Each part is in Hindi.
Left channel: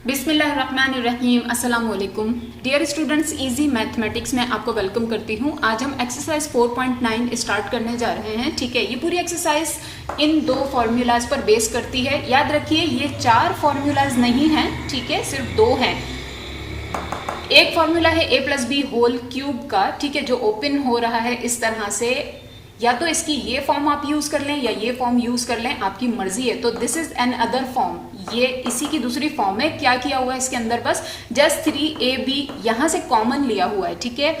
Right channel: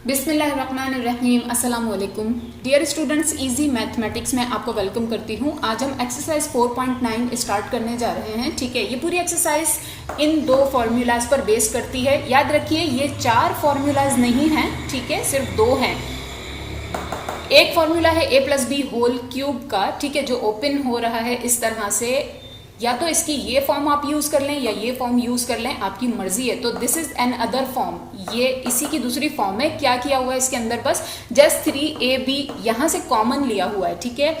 बिस्मिल्लाहिर्रहमानिर्रहीम, अस्सलाम वालेकुम। डियर स्टूडेंट्स, इजी मैथमेटिक्स में आपको वेलकम करती हूँ। आज हम एक्सरसाइज 4.9 स्टार्ट करने जा रहे हैं। ठीक है, ये पूरी एक्सरसाइज इन दो फॉर्मूलाज पर बेस करती है। याद रखिए, ये 4 फॉर्मूलाज नहीं हैं, ठीक है, सिर्फ 2 हैं। एक फॉर्मूला है a plus b whole cube का, ठीक है, जो ओपन हो रहा है इस तरह से। या तो इसकी ये फॉर्म आप यूज कर लें या ये फॉर्म यूज कर लें, आपकी मर्जी है। तो this is an other form, ये इसी की दूसरी फॉर्म है। क्या किया हुआ है इसके अंदर, बस जस्ट 3ab यहां से कॉमन लिया हुआ है, ठीक है।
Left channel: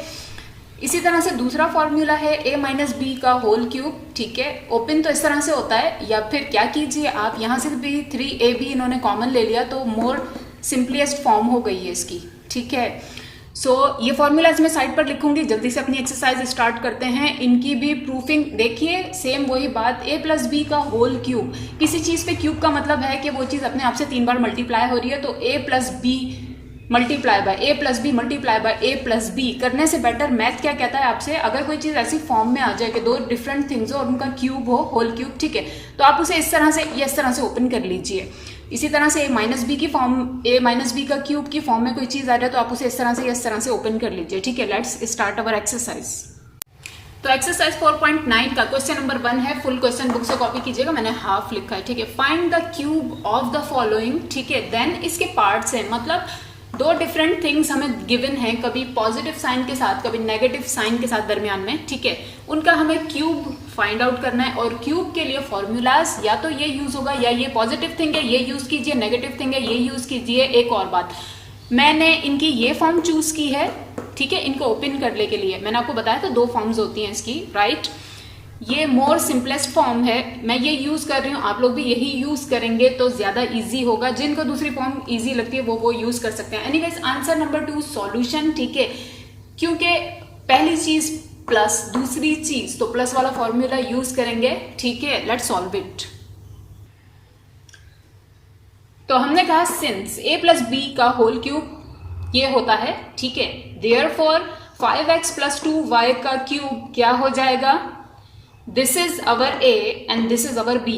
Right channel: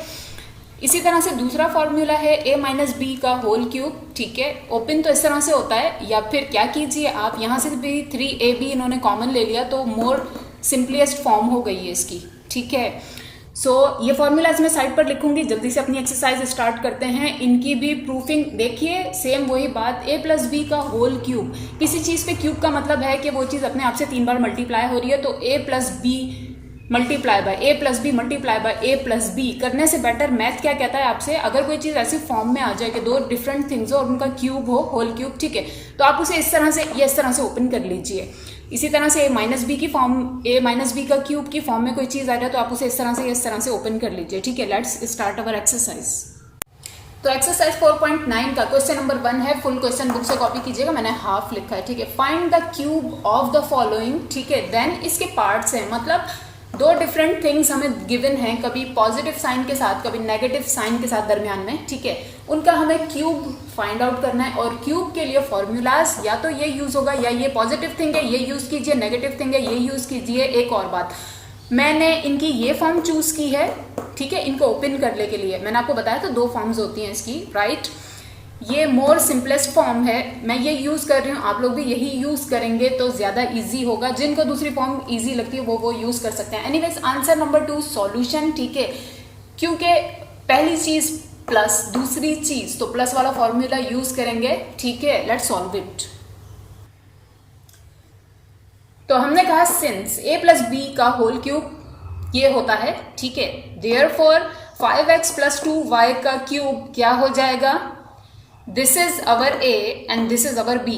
इसी तरह से दूसरा फॉर्मूला है a माइनस बी का होल क्यूब, ठीक है। ओपन तो इस तरह से होता है, या फिर क्या कीजिए आप यहां से भी 3ab इन्होंने कॉमन ले लिया, तो मोर सिंपलेस्ट फॉर्म हो गई है इसकी, ठीक है। सो ये फॉर्मूलाज मैं साइड पर लिखूंगी। जल्दी से अपनी एक्सरसाइज स्टार्ट करते हैं। इनकी भी प्रूफिंग देखिए, सेम वही बात, a प्लस बी का होल क्यूब। किसी चीज पे क्यूब का मतलब है कि वो चीज अपने आप से 3 बार मल्टीप्लाई हो रही है। तो a plus b multiply by a plus b multiply by a plus b करने से बेटर मैथ क्या कहता है आपसे, अगर कोई चीज ऐसी फॉर्म में आ जाए कि 2 डिफरेंट थिंग्स हो और उनका क्यूब हो, होल क्यूब, ठीक है, तो आप उसे इस तरह से या इस तरह से ओपन कर लीजिए। इसी तरह से a माइनस बी की फॉर्म, a माइनस बी का क्यूब की फॉर्म में कोई चीज आ रहा है तो आप उसे इस तरह से या इस तरह से ओपन कर लीजिए, ठीक है। Let's start our exercise. तो एक्सरसाइज 4.9 का क्वेश्चन नंबर 1 है। फुल क्वेश्चन बुक से कॉपी कीजिएगा, मैंने हाफ लिखा है, ठीक है। Find the cube of the following, ठीक है। देन इसके पार्ट्स हैं, मतलब 2 डिफरेंट थिंग्स हमें गिवन हैं, कभी पॉजिटिव साइन के साथ कभी नेगेटिव साइन के साथ दरमियान में, ठीक है। उनका हमें क्यूब फाइंड आउट करना है। और क्यूब के लिए फॉर्मूलाज या तो ये यूज होगा, या ये पॉजिटिव थिंग है ये यूज कीजिए, नेगेटिव थिंग है ये यूज कीजिए। एक और बात, मैंने इनकी ये फॉर्म चूज की है, ठीक है, इनको ओपन करने के लिए। मैंने आपको बताया था 2 फॉर्म्स होती हैं इसकी, राइट। ये मोर सिंपलेस्ट फॉर्म है, मैं ये यूज कर रही हूँ, आप लोग भी यही यूज करेंगे तो ज्यादा इजी होगा। जिनको दूसरी फॉर्म इजी लगती है वो यूज कर सकते हैं। एनीवेज, आंसर नंबर 2 सॉल्यूशन, ठीक है। क्योंकि पहली चीज प्लस, दूसरी चीज तो प्लस वाला फॉर्मूला यूज करेंगे, ठीक है। Let's solve it. तो हमने कहा सिंस a प्लस बी का होल क्यूब ये होता है, ठीक है, देयरफॉर 5x प्लस 2y का क्यूब क्या हो जाएगा, this is our a and this is our b,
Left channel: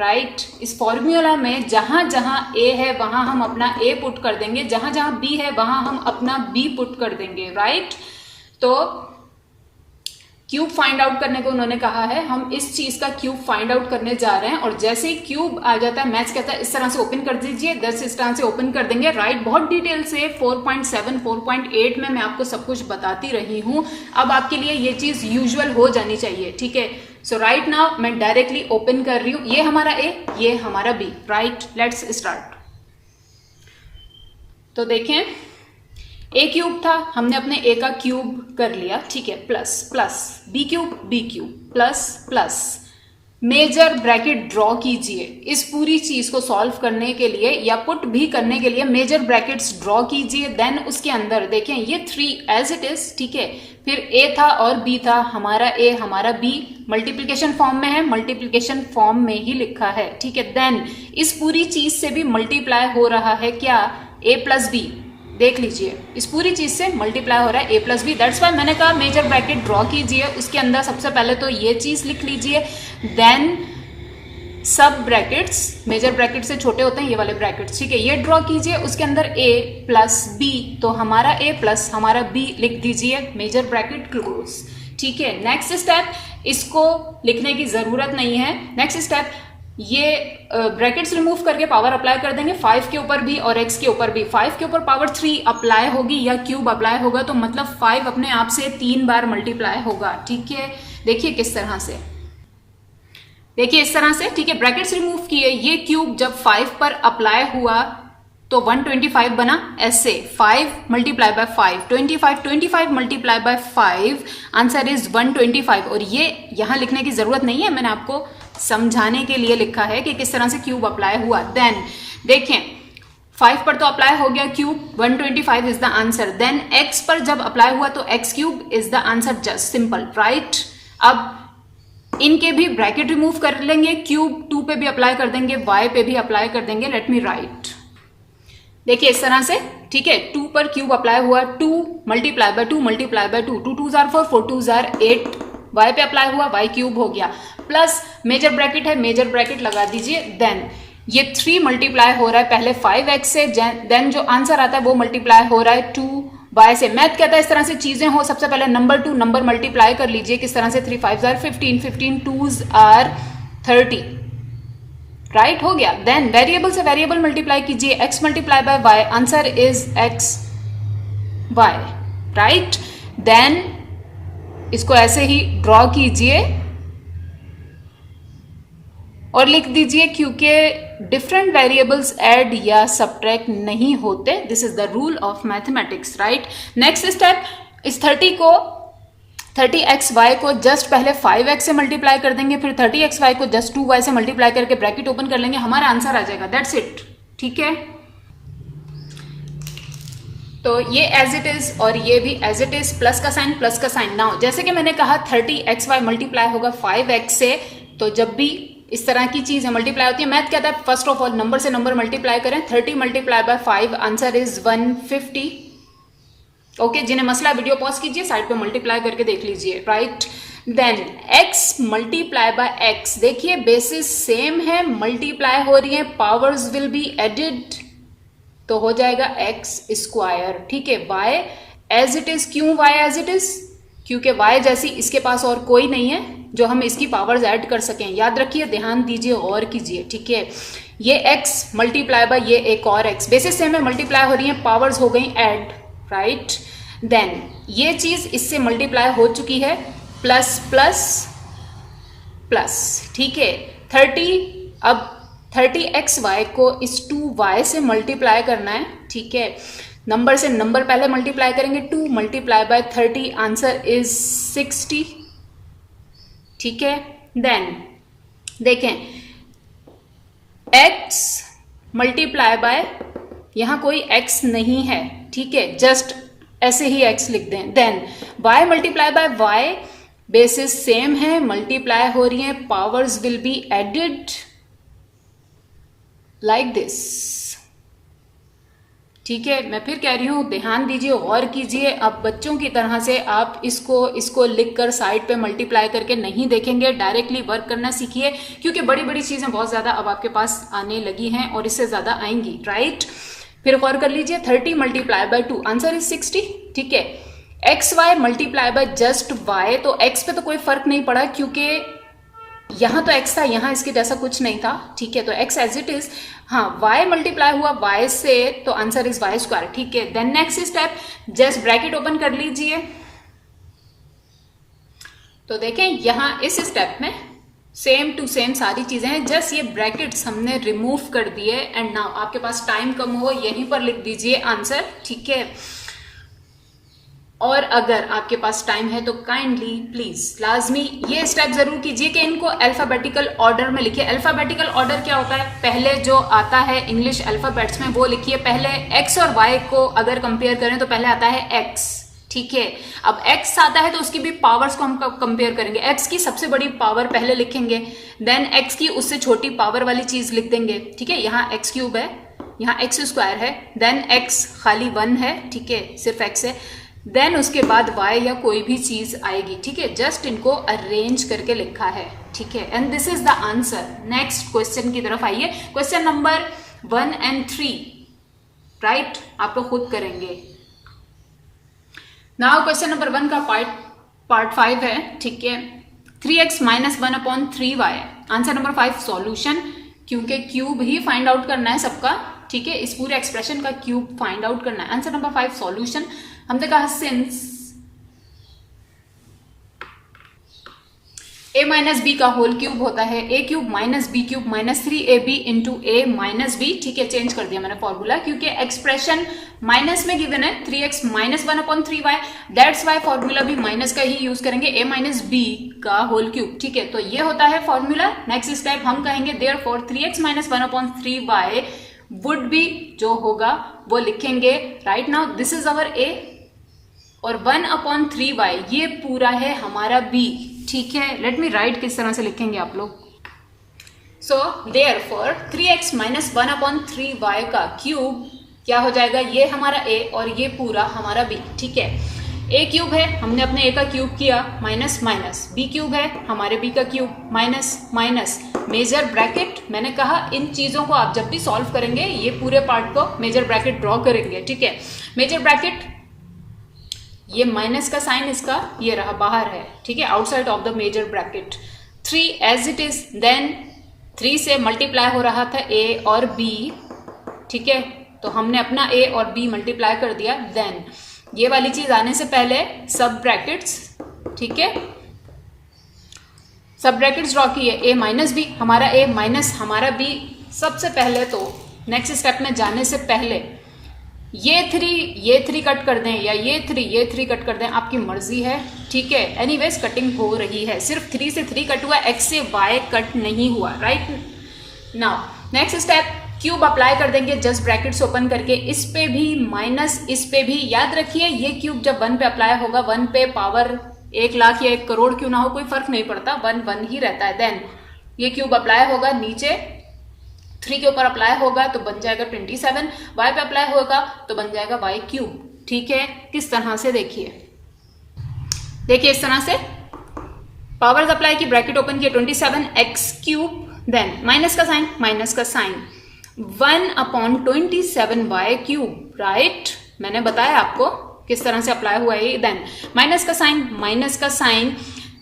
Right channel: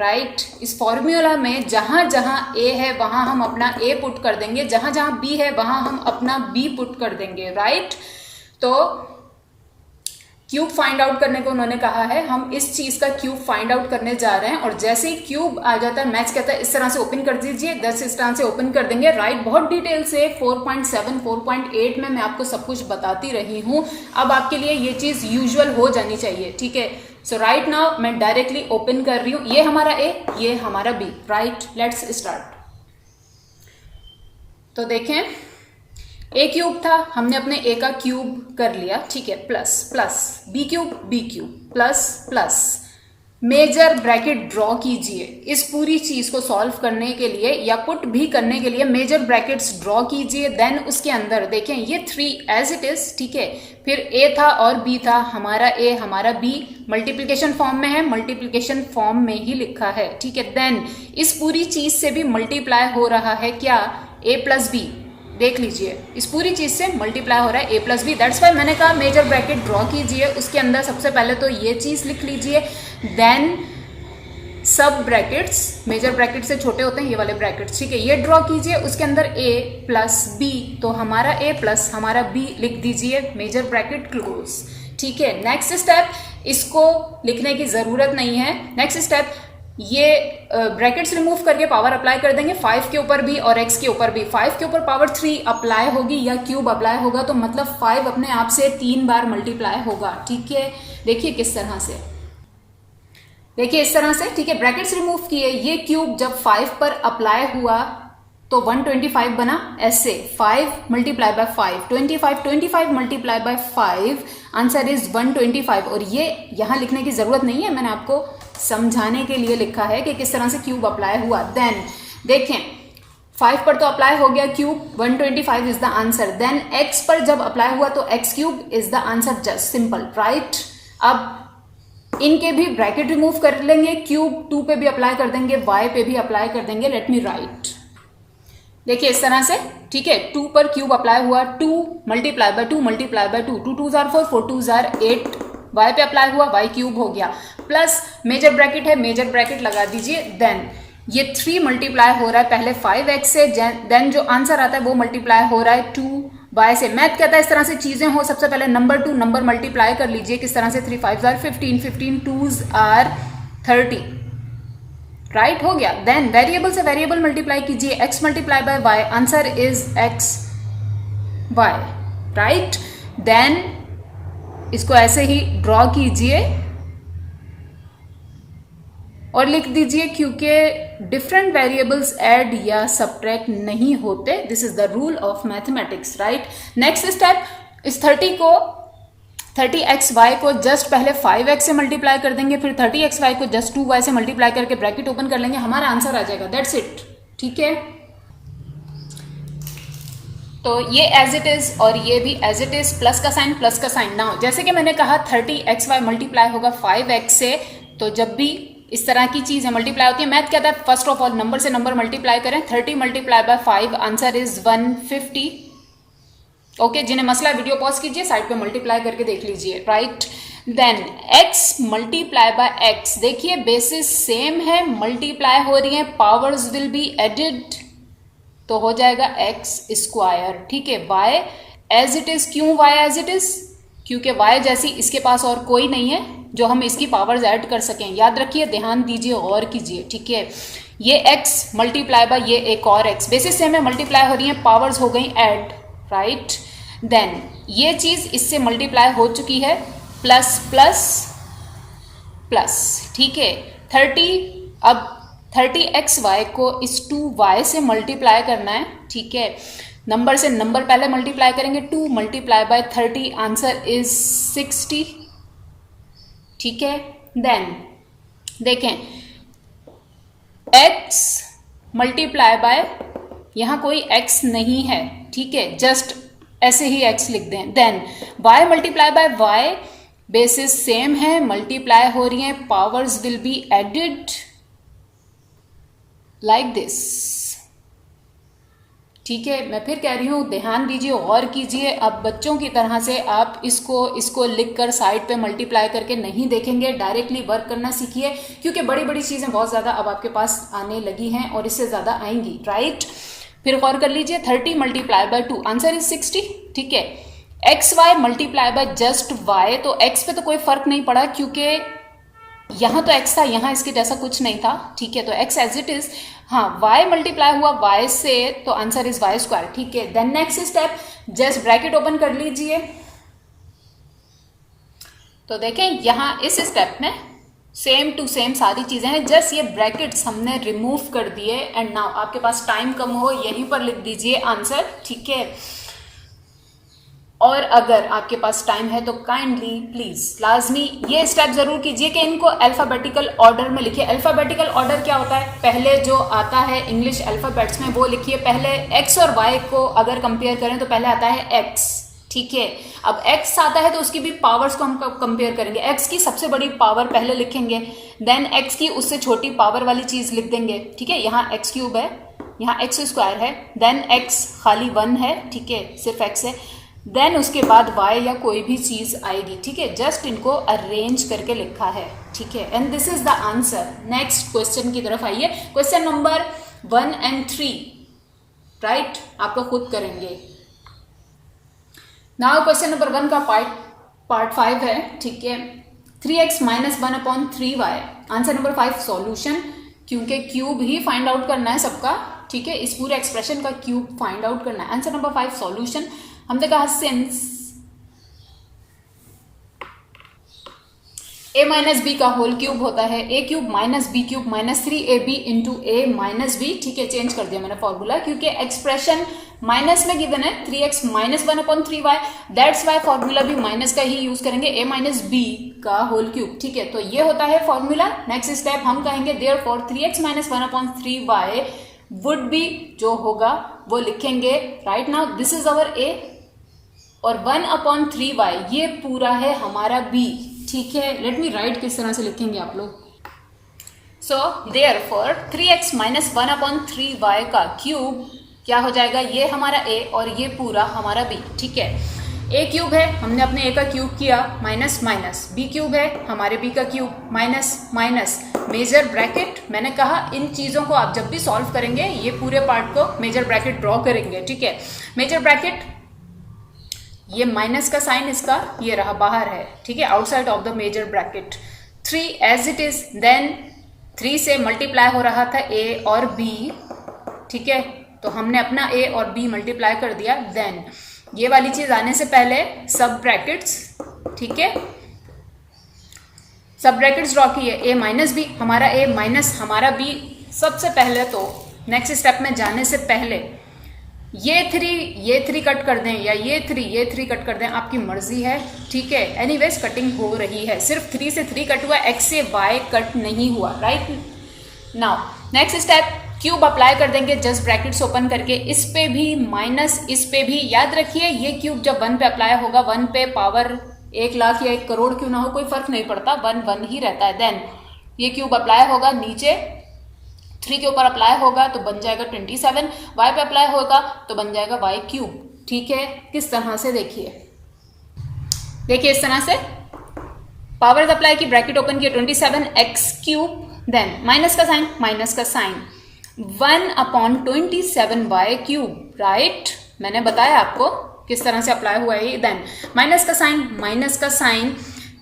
right. इस फॉर्मूला में जहां जहां a है वहां हम अपना a पुट कर देंगे, जहां जहां b है वहां हम अपना b पुट कर देंगे, राइट। तो क्यूब फाइंड आउट करने को उन्होंने कहा है, हम इस चीज का क्यूब फाइंड आउट करने जा रहे हैं। और जैसे ही क्यूब आ जाता है, मैथ्स कहता है इस तरह से ओपन कर दीजिए, 10 इस तरह से ओपन कर देंगे, राइट। बहुत डिटेल से 4.7 4.8 में मैं आपको सब कुछ बताती रही हूं। अब आपके लिए ये चीज यूजुअल हो जानी चाहिए, ठीक है। सो राइट नाउ मैं डायरेक्टली ओपन कर रही हूं, ये हमारा a, ये हमारा b, राइट। Let's start. तो देखें, a क्यूब था, हमने अपने a का क्यूब कर लिया, ठीक है, plus plus b cube plus plus major bracket draw कीजिए। इस पूरी चीज को सॉल्व करने के लिए या पुट भी करने के लिए मेजर ब्रैकेट्स ड्रॉ कीजिए। देन उसके अंदर देखें ये 3 एज इट इज, ठीक है। फिर a था और b था, हमारा a हमारा b मल्टीप्लिकेशन फॉर्म में है, मल्टीप्लिकेशन फॉर्म में ही लिखा है, ठीक है। देन इस पूरी चीज से भी मल्टीप्लाई हो रहा है क्या, a प्लस बी, देख लीजिए इस पूरी चीज से मल्टीप्लाई हो रहा है a plus b. That's why मैंने कहा मेजर ब्रैकेट ड्रॉ कीजिए। उसके अंदर सबसे पहले तो ये चीज लिख लीजिए, देन सब ब्रैकेट्स, मेजर ब्रैकेट से छोटे होते हैं ये वाले ब्रैकेट्स, ठीक है, ये ड्रॉ कीजिए। उसके अंदर a प्लस b, तो हमारा a प्लस हमारा b लिख दीजिए, मेजर ब्रैकेट क्लोज, ठीक है। नेक्स्ट स्टेप, इसको लिखने की जरूरत नहीं है। नेक्स्ट स्टेप, ये ब्रैकेट्स रिमूव करके पावर अप्लाई कर देंगे 5 के ऊपर भी और x के ऊपर भी। 5 के ऊपर पावर 3 अप्लाई होगी या क्यूब अप्लाई होगा, तो मतलब 5 अपने आप से 3 बार मल्टीप्लाई होगा, ठीक है। देखिए किस तरह से, देखिए इस तरह से, ठीक है। ब्रैकेट्स रिमूव किए, ये क्यूब जब 5 पर अप्लाई हुआ तो 125 बना, ऐसे 5 multiply by 5, 25 multiply by 5, answer is 125। और ये यहां लिखने की जरूरत नहीं है, मैंने आपको समझाने के लिए लिखा है कि किस तरह से क्यूब अप्लाई हुआ। देन देखें 5 पर तो अप्लाई हो गया cube, 125 is the answer. Then x पर जब अप्लाई हुआ तो x cube is the answer, just simple, right. अब इनके भी ब्रैकेट रिमूव कर लेंगे, क्यूब 2 पे भी अप्लाई कर देंगे, y पे भी अप्लाई कर देंगे। लेट मी राइट, देखिए इस तरह से, ठीक है। 2 पर क्यूब अप्लाई हुआ, 2 multiply bye 2 multiply bye 2, 2 2 jar 4, 4 2 jar 8, y पे अप्लाई हुआ, y क्यूब हो गया, प्लस मेजर ब्रैकेट है, मेजर ब्रैकेट लगा दीजिए। देन ये 3 मल्टीप्लाई हो रहा है पहले 5x से, देन जो आंसर आता है वो मल्टीप्लाई हो रहा है 2y से। मैथ कहता है इस तरह से चीजें हो, सबसे पहले नंबर टू नंबर मल्टीप्लाई कर लीजिए। किस तरह से? 3 5s are 15, 15 2s are 30, right हो गया। देन वेरिएबल से वेरिएबल मल्टीप्लाई कीजिए, x multiply by y, answer is x y, right. Then इसको ऐसे ही ड्रॉ कीजिए और लिख दीजिए, क्योंकि डिफरेंट वेरिएबल्स ऐड या सब्ट्रैक्ट नहीं होते। This is the rule of mathematics, right. Next step, इस 30xy को जस्ट पहले 5x से मल्टीप्लाई कर देंगे, फिर 30xy को जस्ट 2y से मल्टीप्लाई करके ब्रैकेट ओपन कर लेंगे, हमारा आंसर आ जाएगा। दैट्स इट, ठीक है। तो ये एज इट इज और ये भी एज इट इज, प्लस का साइन नाउ। जैसे कि मैंने कहा 30xy मल्टीप्लाई होगा 5x से, तो जब भी इस तरह की चीजें मल्टीप्लाई होती है, मैथ कहता है फर्स्ट ऑफ ऑल नंबर से नंबर मल्टीप्लाई करें। 30 multiply by 5, answer is 150। Okay, जिन्हें मसला वीडियो पॉज कीजिए, साइड पे मल्टीप्लाई करके देख लीजिए, right. Then x multiply by x, देखिए बेसिस सेम है, मल्टीप्लाई हो रही है, पावर्स विल बी एडिड, तो हो जाएगा x स्क्वायर, ठीक है। y एज इट इज, क्यों y एज इट इज? क्योंकि y जैसी इसके पास और कोई नहीं है जो हम इसकी पावर्स ऐड कर सकें। याद रखिए, ध्यान दीजिए, और कीजिए, ठीक है। ये x मल्टीप्लाई बाय ये एक और x, बेसिस सेम है, मल्टीप्लाई हो रही है, पावर्स हो गई ऐड, राइट। देन ये चीज इससे मल्टीप्लाई हो चुकी है, प्लस प्लस प्लस, ठीक है। 30xy को इस 2y से मल्टीप्लाई करना है, ठीक है। नंबर से नंबर पहले मल्टीप्लाई करेंगे, 2 मल्टीप्लाई बाय 30, आंसर इज 60, ठीक है। देन देखें, x मल्टीप्लाई बाय, यहां कोई x नहीं है, ठीक है, जस्ट ऐसे ही x लिख दें। Then y multiply by y, basis same है, मल्टीप्लाई हो रही है, powers will be added like this, ठीक है। मैं फिर कह रही हूं, ध्यान दीजिए, और कीजिए। अब बच्चों की तरह से आप इसको लिखकर साइड पे मल्टीप्लाई करके नहीं देखेंगे, डायरेक्टली वर्क करना सीखिए, क्योंकि बड़ी बड़ी चीजें बहुत ज्यादा अब आपके पास आने लगी हैं और इससे ज्यादा आएंगी, राइट। फिर गौर कर लीजिए, 30 मल्टीप्लाई बाय 2, आंसर इज 60, ठीक है। xy multiply by just y, तो x पे तो कोई फर्क नहीं पड़ा, क्योंकि यहां तो x था, यहां इसके जैसा कुछ नहीं था, ठीक है, तो x एज इट इज। हाँ, y मल्टीप्लाई हुआ y से, तो आंसर इज y स्क्वायर, ठीक है। Then next step, just bracket open कर लीजिए, तो देखें यहां इस स्टेप में सेम टू सेम सारी चीजें हैं, जस्ट ये ब्रैकेट्स हमने रिमूव कर दिए। एंड नाउ आपके पास टाइम कम हो, यहीं पर लिख दीजिए आंसर, ठीक है। और अगर आपके पास टाइम है तो काइंडली प्लीज लाजमी ये स्टेप जरूर कीजिए कि इनको अल्फाबेटिकल ऑर्डर में लिखिए। अल्फाबेटिकल ऑर्डर क्या होता है? पहले जो आता है इंग्लिश अल्फाबेट्स में वो लिखिए। पहले x और y को अगर कंपेयर करें तो पहले आता है x, ठीक है। अब x आता है तो उसकी भी पावर्स को हम कंपेयर करेंगे। x की सबसे बड़ी पावर पहले लिखेंगे, देन x की उससे छोटी पावर वाली चीज लिख देंगे, ठीक है। यहाँ x क्यूब है, यहाँ x स्क्वायर है, देन x खाली 1 है, ठीक है, सिर्फ x है, देन उसके बाद y या कोई भी चीज आएगी, ठीक है। जस्ट इनको अरेंज करके लिखा है, ठीक है, and this is the answer. Next question की तरफ आइए, क्वेश्चन नंबर 1 और 3, राइट, आपको खुद करेंगे। नाउ क्वेश्चन नंबर 1 का पार्ट 5 है, ठीक है। 3x minus 1/3y, answer number 5 solution, क्योंकि क्यूब ही फाइंड आउट करना है सबका, ठीक है। इस पूरे एक्सप्रेशन का क्यूब फाइंड आउट करना है। Answer number 5 solution. हमने कहा सिंस a माइनस बी का होल क्यूब होता है a cube minus b cube minus 3ab into a minus b, ठीक है। चेंज कर दिया मैंने फॉर्मूला, क्योंकि एक्सप्रेशन माइनस में गिवन है 3x minus 1/3y, that's why formula भी माइनस का ही यूज करेंगे, a माइनस बी का होल क्यूब, ठीक है। तो ये होता है फॉर्मूला। नेक्स्ट स्टेप हम कहेंगे therefore 3x minus 1/3y would be, जो होगा वो लिखेंगे right now, this is our a, और 1/3y ये पूरा है हमारा b, ठीक है। लेट मी राइट, किस तरह से लिखेंगे आप लोग। So therefore 3x minus 1/3y का क्यूब क्या हो जाएगा, ये हमारा a और ये पूरा हमारा b, ठीक है। a क्यूब है, हमने अपने a का क्यूब किया, माइनस माइनस, b क्यूब है, हमारे b का cube, minus minus, major bracket, मैंने कहा इन चीजों को आप जब भी सॉल्व करेंगे ये पूरे पार्ट को मेजर ब्रैकेट ड्रॉ करेंगे, ठीक है। मेजर ब्रैकेट, ये माइनस का साइन इसका ये रहा बाहर है, ठीक है, outside of the major bracket. 3 as it is, then 3 से मल्टीप्लाई हो रहा था a और b, ठीक है, तो हमने अपना a और b मल्टीप्लाई कर दिया। देन ये वाली चीज आने से पहले सब ब्रैकेट्स, ठीक है, सब ब्रैकेट्स ड्रॉ किए, a माइनस b, हमारा a माइनस हमारा b। सबसे पहले तो नेक्स्ट स्टेप में जाने से पहले ये 3 कट कर दें या ये 3 कट कर दें, आपकी मर्जी है, ठीक है। एनीवेज कटिंग हो रही है, सिर्फ 3 से 3 कट हुआ, x से y कट नहीं हुआ, right. Now next step, cube apply कर देंगे जस्ट ब्रैकेट्स ओपन करके, इस पे भी माइनस, इस पे भी। याद रखिए ये क्यूब जब 1 पे अप्लाई होगा, 1 पे पावर 1 लाख या 1 करोड़ क्यों ना हो, कोई फर्क नहीं पड़ता, 1 ही रहता है। देन ये क्यूब अप्लाई होगा नीचे 3 के ऊपर अप्लाई होगा तो बन जाएगा 27, y पे अप्लाई होगा तो बन जाएगा y क्यूब, ठीक है। किस तरह से, देखिए इस तरह से पावर्स अप्लाई की, ब्रैकेट ओपन किया, 27x क्यूब, देन माइनस का साइन 1/27y क्यूब, राइट। मैंने बताया आपको किस तरह से अप्लाई हुआ है। देन माइनस का साइन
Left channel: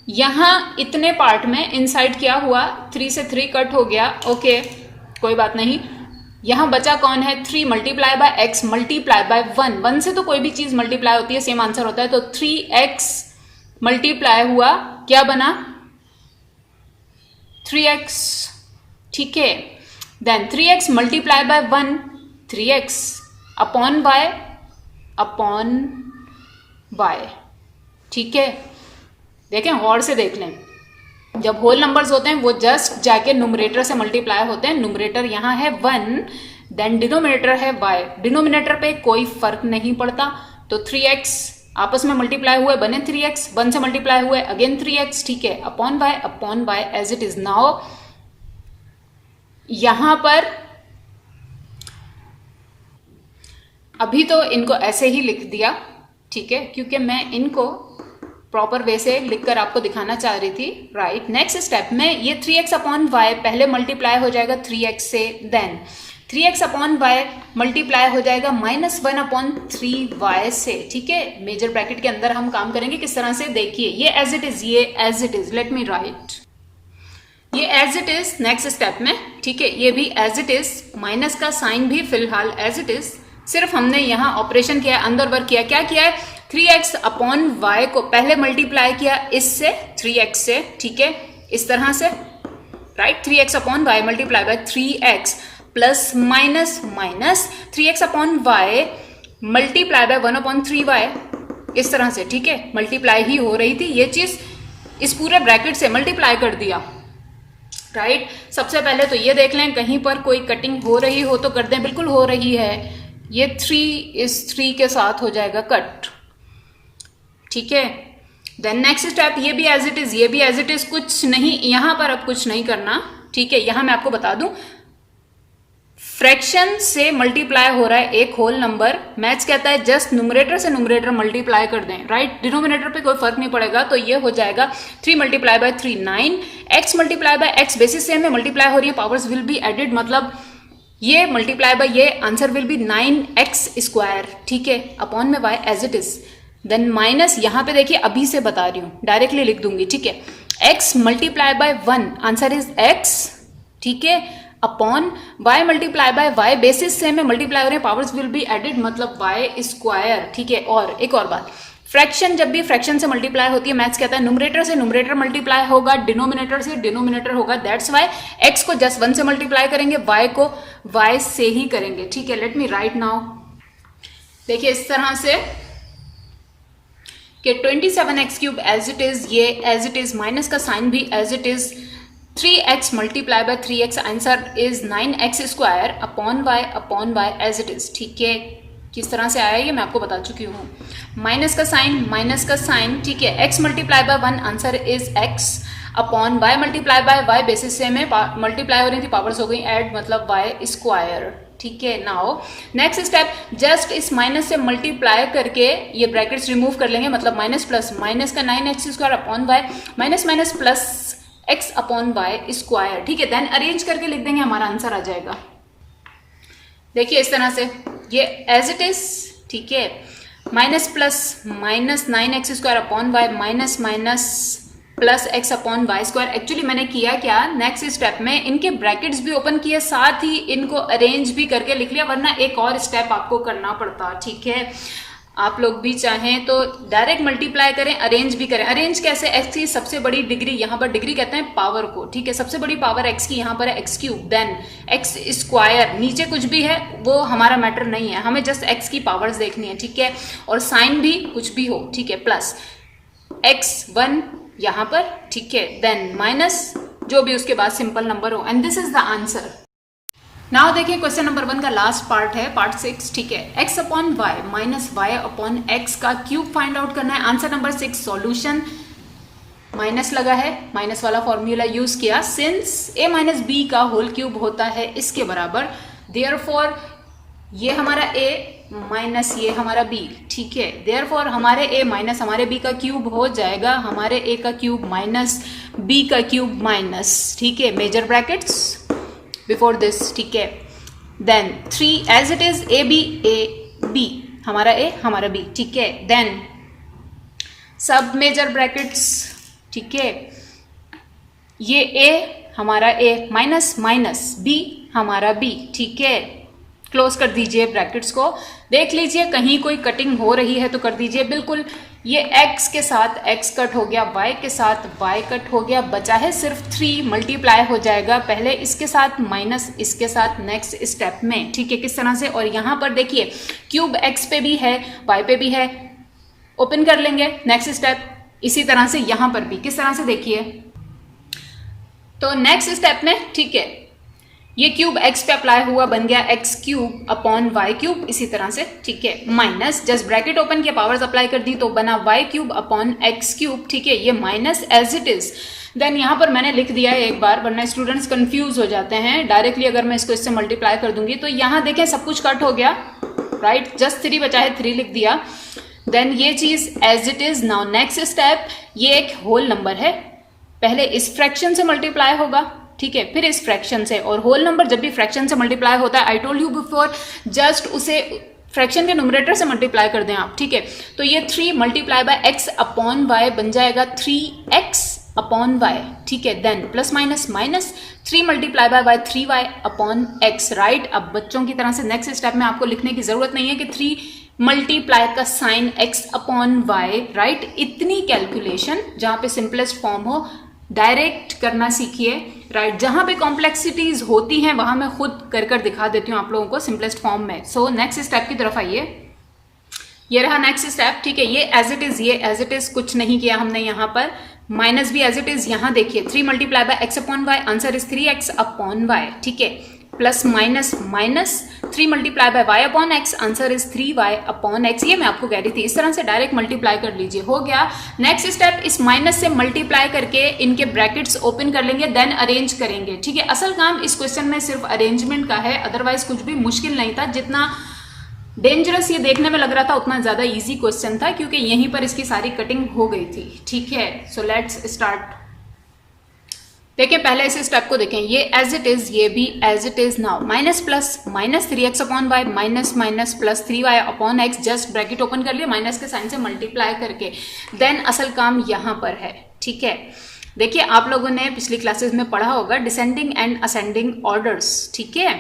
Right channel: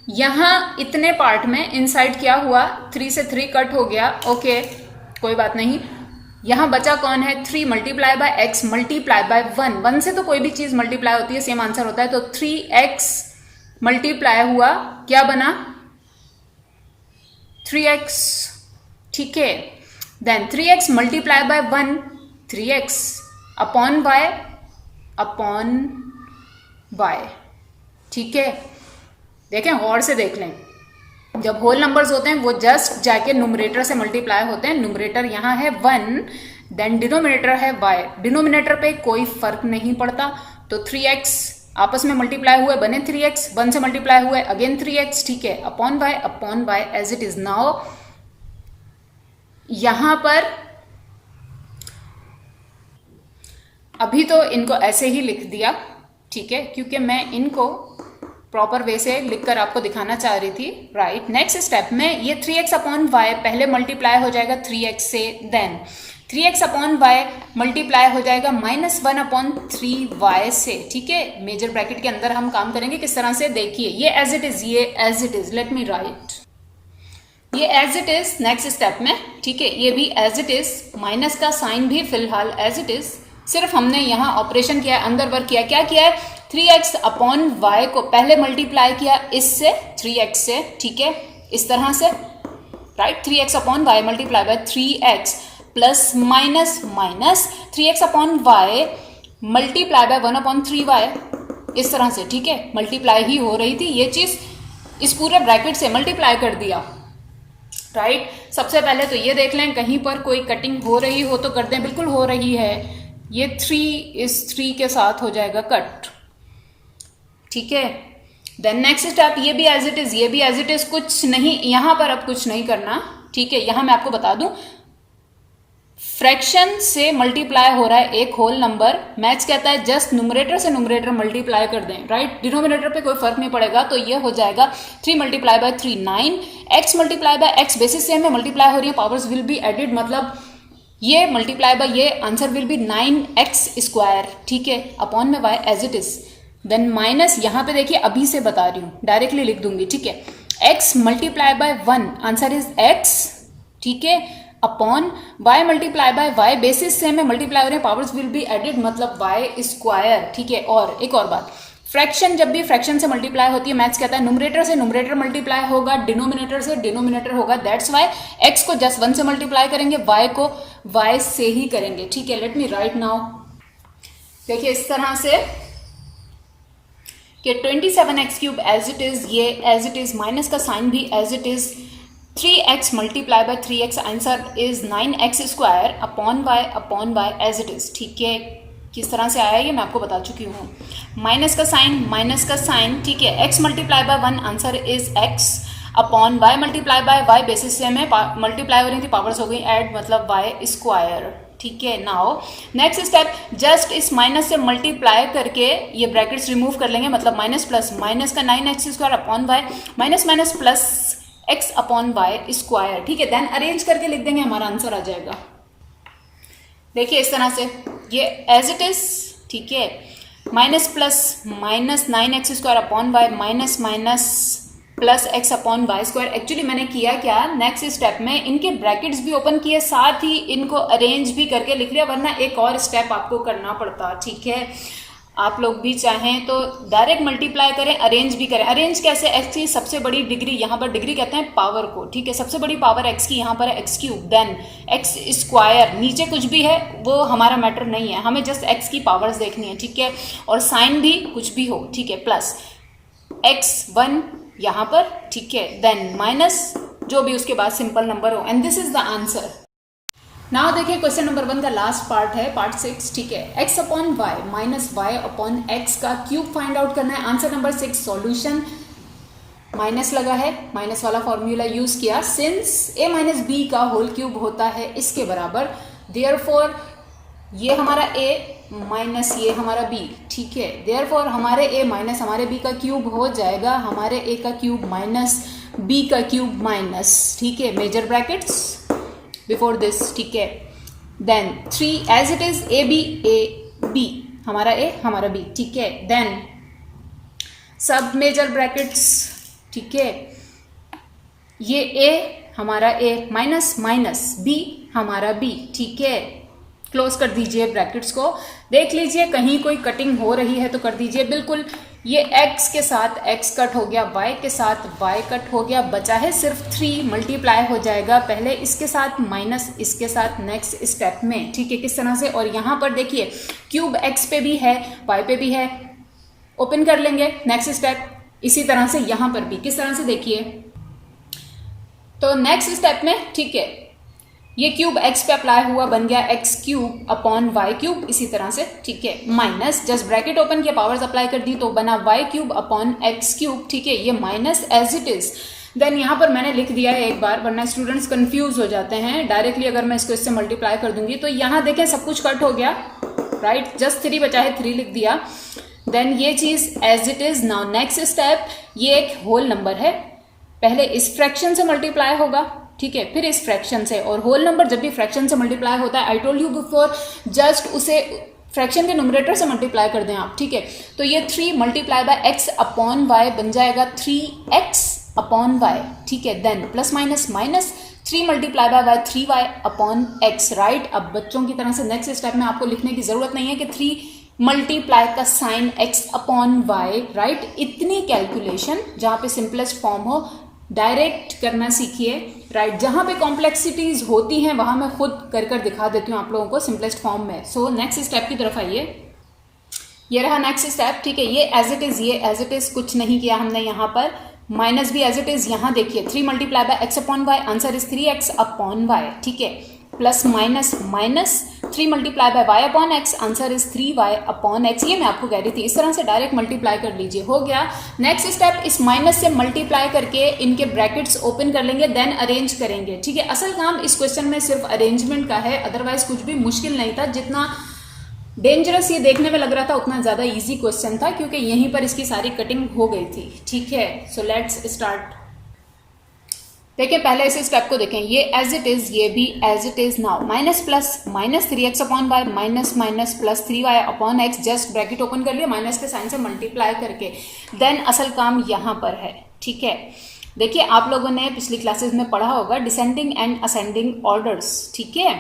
यहां इतने पार्ट में इनसाइड क्या हुआ, 3 से 3 कट हो गया, ओके, कोई बात नहीं। यहां बचा कौन है, 3 multiply bye x multiply by 1 से तो कोई भी चीज मल्टीप्लाई होती है, सेम आंसर होता है। तो 3x मल्टीप्लाई हुआ, क्या बना 3x, ठीक है। Then 3x multiply by 1, 3x upon y, ठीक है। देखें गौर से देख लें, जब होल नंबर्स होते हैं वो जस्ट जाके न्यूमरेटर से मल्टीप्लाई होते हैं। न्यूमरेटर यहाँ है 1, देन डिनोमिनेटर है y, डिनोमिनेटर पे कोई फर्क नहीं पड़ता। तो 3x आपस में मल्टीप्लाई हुए, बने 3x, 1 से मल्टीप्लाई हुए अगेन 3x, ठीक है, upon y as it is. Now यहां पर अभी तो इनको ऐसे ही लिख दिया, ठीक है, क्योंकि मैं इनको प्रॉपर वे से लिखकर आपको दिखाना चाह रही थी, राइट। नेक्स्ट स्टेप में ये 3x अपॉन y पहले मल्टीप्लाई हो जाएगा 3x से, then 3x upon y multiply हो जाएगा -1/3y से, ठीक है। मेजर ब्रैकेट के अंदर हम काम करेंगे किस तरह से, देखिए ये as it is, let me write, ये as it is next step में, ठीक है, ये भी एज इट इज, माइनस का साइन भी फिलहाल एज इट इज, सिर्फ हमने यहाँ ऑपरेशन किया, अंदर वर्क किया, क्या किया है, 3x अपॉन y को पहले मल्टीप्लाई किया इससे 3x से, ठीक है, इस तरह से, right. 3x upon y multiply by 3x plus minus 3x upon y multiply bye 1/3y, इस तरह से, ठीक है। मल्टीप्लाई ही हो रही थी, ये चीज इस पूरे ब्रैकेट से मल्टीप्लाई कर दिया, राइट। सबसे पहले तो ये देख लें कहीं पर कोई कटिंग हो रही हो तो कर दें, बिल्कुल हो रही है, ये 3 इस 3 के साथ हो जाएगा कट, ठीक है। देन नेक्स्ट स्टेप, ये भी एज इट इज, ये भी एज इट इज, कुछ नहीं यहां पर अब कुछ नहीं करना, ठीक है। यहां मैं आपको बता दूं, फ्रैक्शन से मल्टीप्लाई हो रहा है एक होल नंबर, मैथ्स कहता है जस्ट न्यूमरेटर से न्यूमरेटर मल्टीप्लाई कर दें, राइट। डिनोमिनेटर पे कोई फर्क नहीं पड़ेगा, तो ये हो जाएगा 3 multiply bye 3 9, x multiply by x basis से में मल्टीप्लाई हो रही है, पावर्स विल बी एडेड, मतलब ये मल्टीप्लाई बाय ये answer will be 9x square, ठीक है, अपॉन में y as it is. Then minus, यहां पे देखिए अभी से बता रही हूं, डायरेक्टली लिख दूंगी, ठीक है। x multiply by 1 answer is x, ठीक है, upon y multiply by y basis से में मल्टीप्लाई हो रही है, पावर्स विल बी एडेड, मतलब y स्क्वायर, ठीक है। और एक और बात, फ्रैक्शन जब भी फ्रैक्शन से मल्टीप्लाई होती है, मैथ्स कहता है न्यूमरेटर से न्यूमरेटर मल्टीप्लाई होगा, डिनोमिनेटर से डिनोमिनेटर होगा, दैट्स वाई x को जस्ट 1 से मल्टीप्लाई करेंगे, y को y से ही करेंगे, ठीक है। लेट मी राइट नाउ, देखिए इस तरह से कि 27x cube as it is, ये एज इट इज, माइनस का साइन भी as it is, 3x multiply by 3x answer is 9x square upon y as it is, ठीक है। किस तरह से आया ये मैं आपको बता चुकी हूँ, माइनस का साइन, ठीक है, x multiply by 1 answer is x upon y multiply by y basis से में मल्टीप्लाई हो रही थी, पावर्स हो गई ऐड, मतलब y स्क्वायर, ठीक है। नाउ नेक्स्ट स्टेप, जस्ट इस माइनस से मल्टीप्लाई करके ये ब्रैकेट्स रिमूव कर लेंगे, मतलब माइनस प्लस माइनस का 9x square upon y, minus plus x upon y square, ठीक है। देन अरेंज करके लिख देंगे, हमारा आंसर आ जाएगा। देखिए इस तरह से ये एज इट इज, ठीक है। Minus plus minus 9x² upon y minus minus plus x upon y square. Actually मैंने किया क्या, नेक्स्ट स्टेप में इनके ब्रैकेट्स भी ओपन किए, साथ ही इनको अरेंज भी करके लिख लिया, वरना एक और स्टेप आपको करना पड़ता, ठीक है। आप लोग भी चाहें तो डायरेक्ट मल्टीप्लाई करें, अरेंज भी करें। अरेंज कैसे, x की सबसे बड़ी डिग्री, यहाँ पर डिग्री कहते हैं पावर को, ठीक है। सबसे बड़ी पावर x की यहाँ पर है x cube, then x square, नीचे कुछ भी है वो हमारा मैटर नहीं है, हमें जस्ट x की पावर्स देखनी है, ठीक है। और साइन भी कुछ भी हो, ठीक है, प्लस x1 यहाँ पर, ठीक है, देन माइनस जो भी उसके बाद सिंपल नंबर हो, and this is the answer. Now देखिए क्वेश्चन नंबर 1 का लास्ट पार्ट है, पार्ट 6, ठीक है। x upon y minus y upon x का क्यूब फाइंड आउट करना है। आंसर नंबर 6 सॉल्यूशन, माइनस लगा है, माइनस वाला फॉर्मूला यूज किया, सिंस a माइनस बी का होल क्यूब होता है इसके बराबर, देयरफॉर ये हमारा a माइनस ये हमारा b, ठीक है। देयरफॉर हमारे a माइनस हमारे b का क्यूब हो जाएगा हमारे a का क्यूब माइनस b का क्यूब माइनस, ठीक है, मेजर ब्रैकेट्स बिफोर दिस, ठीक है। Then 3 as it is a b हमारा a हमारा b, ठीक है। देन सब मेजर ब्रैकेट्स, ठीक है, ये a हमारा a माइनस माइनस b हमारा b, ठीक है। क्लोज कर दीजिए ब्रैकेट्स को, देख लीजिए कहीं कोई कटिंग हो रही है तो कर दीजिए, बिल्कुल ये x के साथ x कट हो गया, y के साथ y कट हो गया, बचा है सिर्फ 3 मल्टीप्लाई हो जाएगा पहले इसके साथ माइनस इसके साथ नेक्स्ट स्टेप में, ठीक है। किस तरह से, और यहाँ पर देखिए क्यूब x पे भी है y पे भी है, ओपन कर लेंगे नेक्स्ट स्टेप। इसी तरह से यहाँ पर भी किस तरह से देखिए, तो नेक्स्ट स्टेप में, ठीक है, ये क्यूब x पे अप्लाई हुआ, बन गया x cube upon y cube, इसी तरह से, ठीक है, माइनस जस्ट ब्रैकेट ओपन किया, पावर्स अप्लाई कर दी तो बना y cube upon x cube, ठीक है। ये minus as it is, then यहाँ पर मैंने लिख दिया है एक बार, वरना स्टूडेंट्स कंफ्यूज हो जाते हैं। डायरेक्टली अगर मैं इसको इससे मल्टीप्लाई कर दूंगी तो यहाँ देखें सब कुछ कट हो गया, राइट, जस्ट 3 बचा है, 3 लिख दिया। देन ये चीज as it is. Now next step, ये एक होल नंबर है, पहले इस फ्रैक्शन से मल्टीप्लाई होगा, ठीक है, फिर इस फ्रैक्शन से, और होल नंबर जब भी फ्रैक्शन से मल्टीप्लाई होता है, I told you before, just उसे फ्रैक्शन के न्यूमरेटर से मल्टीप्लाई कर दें आप, ठीक है। तो ये 3 multiply by x upon y बन जाएगा 3x अपॉन y, ठीक है। Then plus minus minus 3 multiply by 3y upon x, right. अब बच्चों की तरह से नेक्स्ट स्टेप में आपको लिखने की जरूरत नहीं है कि 3 मल्टीप्लाई का sign x upon y, right. इतनी कैलकुलेशन जहां पे सिंपलेस्ट फॉर्म हो डायरेक्ट करना सीखिए, राइट। जहां पे कॉम्प्लेक्सिटीज होती हैं वहां मैं खुद कर दिखा देती हूँ आप लोगों को सिंपलेस्ट फॉर्म में। सो नेक्स्ट स्टेप की तरफ आइए, ये रहा नेक्स्ट स्टेप, ठीक है। ये एज इट इज, ये एज इट इज, कुछ नहीं किया हमने यहाँ पर, माइनस भी एज इट इज। यहाँ देखिए 3 multiply by x upon y, answer is 3x upon y, ठीक है, plus minus minus 3 multiply by y upon x, answer is 3y upon x। ये मैं आपको कह रही थी, इस तरह से डायरेक्ट मल्टीप्लाई कर लीजिए, हो गया। नेक्स्ट स्टेप, इस माइनस से मल्टीप्लाई करके इनके ब्रैकेट्स ओपन कर लेंगे, देन अरेंज करेंगे, ठीक है। असल काम इस क्वेश्चन में सिर्फ अरेंजमेंट का है, अदरवाइज कुछ भी मुश्किल नहीं था। जितना डेंजरस ये देखने में लग रहा था उतना ज्यादा इजी क्वेश्चन था, क्योंकि यहीं पर इसकी सारी कटिंग हो गई थी, ठीक है। So let's start. देखिए पहले इस स्टेप को देखें, ये एज इट इज, ये भी as it is. Now minus plus minus 3x upon y minus minus plus 3y upon x, just bracket open कर लिया, माइनस के साइन से मल्टीप्लाई करके, देन असल काम यहां पर है, ठीक है। देखिए आप लोगों ने पिछली क्लासेस में पढ़ा होगा डिसेंडिंग एंड असेंडिंग ऑर्डर्स, ठीक है।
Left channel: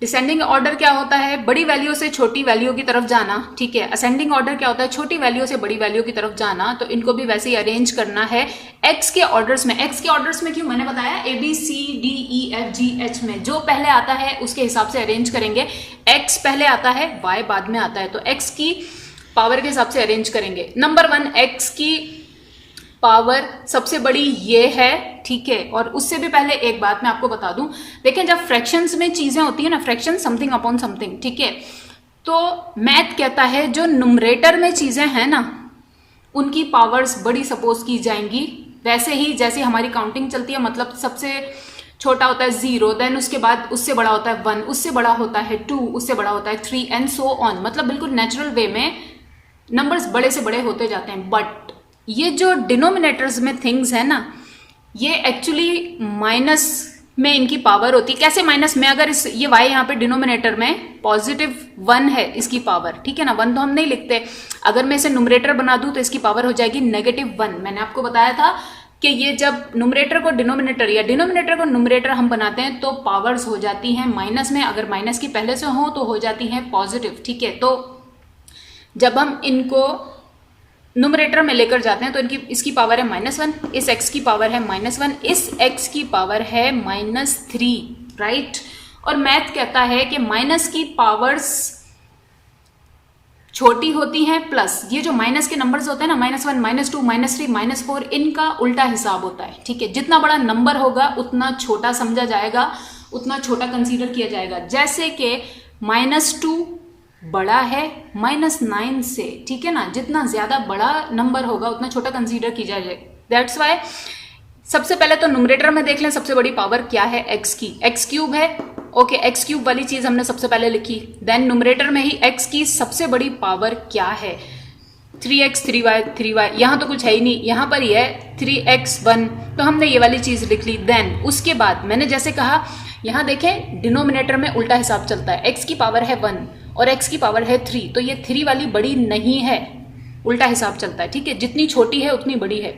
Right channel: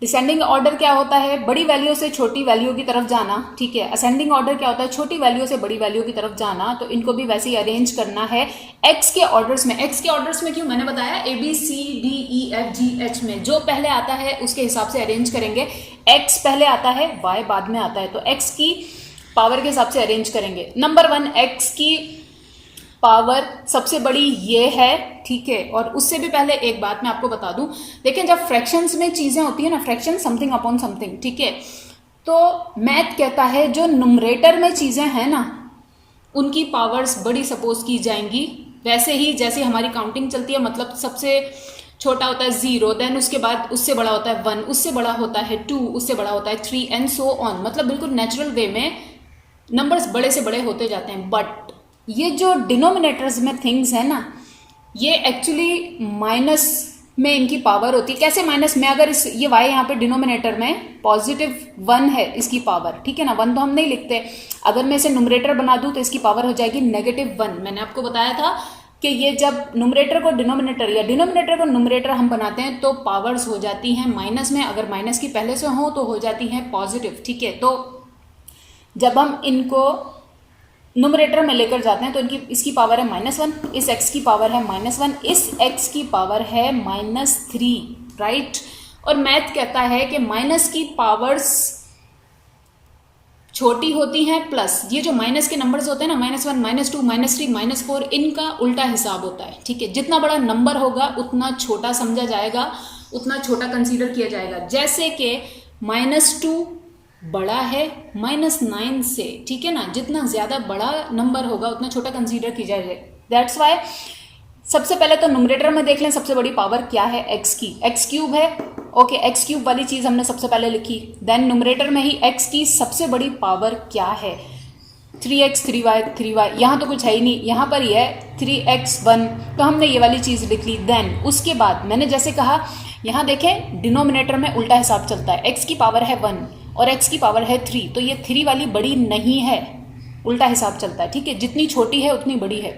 डिसेंडिंग ऑर्डर क्या होता है, बड़ी वैल्यू से छोटी वैल्यू की तरफ जाना, ठीक है। असेंडिंग ऑर्डर क्या होता है, छोटी वैल्यू से बड़ी वैल्यू की तरफ जाना। तो इनको भी वैसे ही अरेंज करना है x के ऑर्डर्स में। x के ऑर्डर्स में क्यों, मैंने बताया ABCDEFGH में जो पहले आता है उसके हिसाब से अरेंज करेंगे। x पहले आता है, y बाद में आता है, तो x की पावर के हिसाब से अरेंज करेंगे। नंबर 1, x की पावर सबसे बड़ी ये है, ठीक है। और उससे भी पहले एक बात मैं आपको बता दूं, देखिए जब फ्रैक्शंस में चीजें होती है ना, फ्रैक्शन समथिंग अपॉन समथिंग, ठीक है, तो मैथ कहता है जो नुमरेटर में चीजें हैं ना उनकी पावर्स बड़ी सपोज की जाएंगी। वैसे ही जैसे हमारी काउंटिंग चलती है, मतलब सबसे छोटा होता है 0, देन उसके बाद उससे बड़ा होता है 1, उससे बड़ा होता है 2, उससे बड़ा होता है 3 एंड सो ऑन। मतलब बिल्कुल नेचुरल वे में नंबर्स बड़े से बड़े होते जाते हैं। बट ये जो डिनोमिनेटर्स में थिंग्स है ना, ये एक्चुअली माइनस में इनकी पावर होती है। कैसे माइनस में? अगर इस ये y यहाँ पे डिनोमिनेटर में +1 है इसकी पावर, ठीक है ना, 1 तो हम नहीं लिखते। अगर मैं इसे न्यूमरेटर बना दूं तो इसकी पावर हो जाएगी -1। मैंने आपको बताया था कि ये जब न्यूमरेटर को डिनोमिनेटर या डिनोमिनेटर को न्यूमरेटर हम बनाते हैं तो पावर्स हो जाती हैं माइनस में। अगर माइनस की पहले से हो तो हो जाती हैं पॉजिटिव, ठीक है। तो जब हम इनको न्यूमरेटर में लेकर जाते हैं तो इसकी पावर है -1, इस x की पावर है -1, इस x की पावर है -3, राइट। और मैथ कहता है कि माइनस की पावर्स छोटी होती हैं प्लस ये जो माइनस के नंबर्स होते हैं ना, -1, -2, -3, -4, इनका उल्टा हिसाब होता है, ठीक है। जितना बड़ा नंबर होगा उतना छोटा समझा जाएगा, उतना छोटा कंसीडर किया जाएगा। जैसे कि -2 बड़ा है -9 से, ठीक है ना। जितना ज्यादा बड़ा नंबर होगा उतना छोटा कंसीडर किया जाएगा। दैट्स वाई सबसे पहले तो न्यूमरेटर में देख लें सबसे बड़ी पावर क्या है, x की। x³ है, ओके, x³ वाली चीज हमने सबसे पहले लिखी। देन न्यूमरेटर में ही x की सबसे बड़ी पावर क्या है, 3x 3y, यहाँ तो कुछ है ही नहीं, यहाँ पर ही है 3x1, तो हमने ये वाली चीज लिख ली। देन उसके बाद मैंने जैसे कहा, यहाँ देखें डिनोमिनेटर में उल्टा हिसाब चलता है। x की पावर है 1 और x की पावर है 3, तो ये 3 वाली बड़ी नहीं है, उल्टा हिसाब चलता है, ठीक है। जितनी छोटी है उतनी बड़ी है।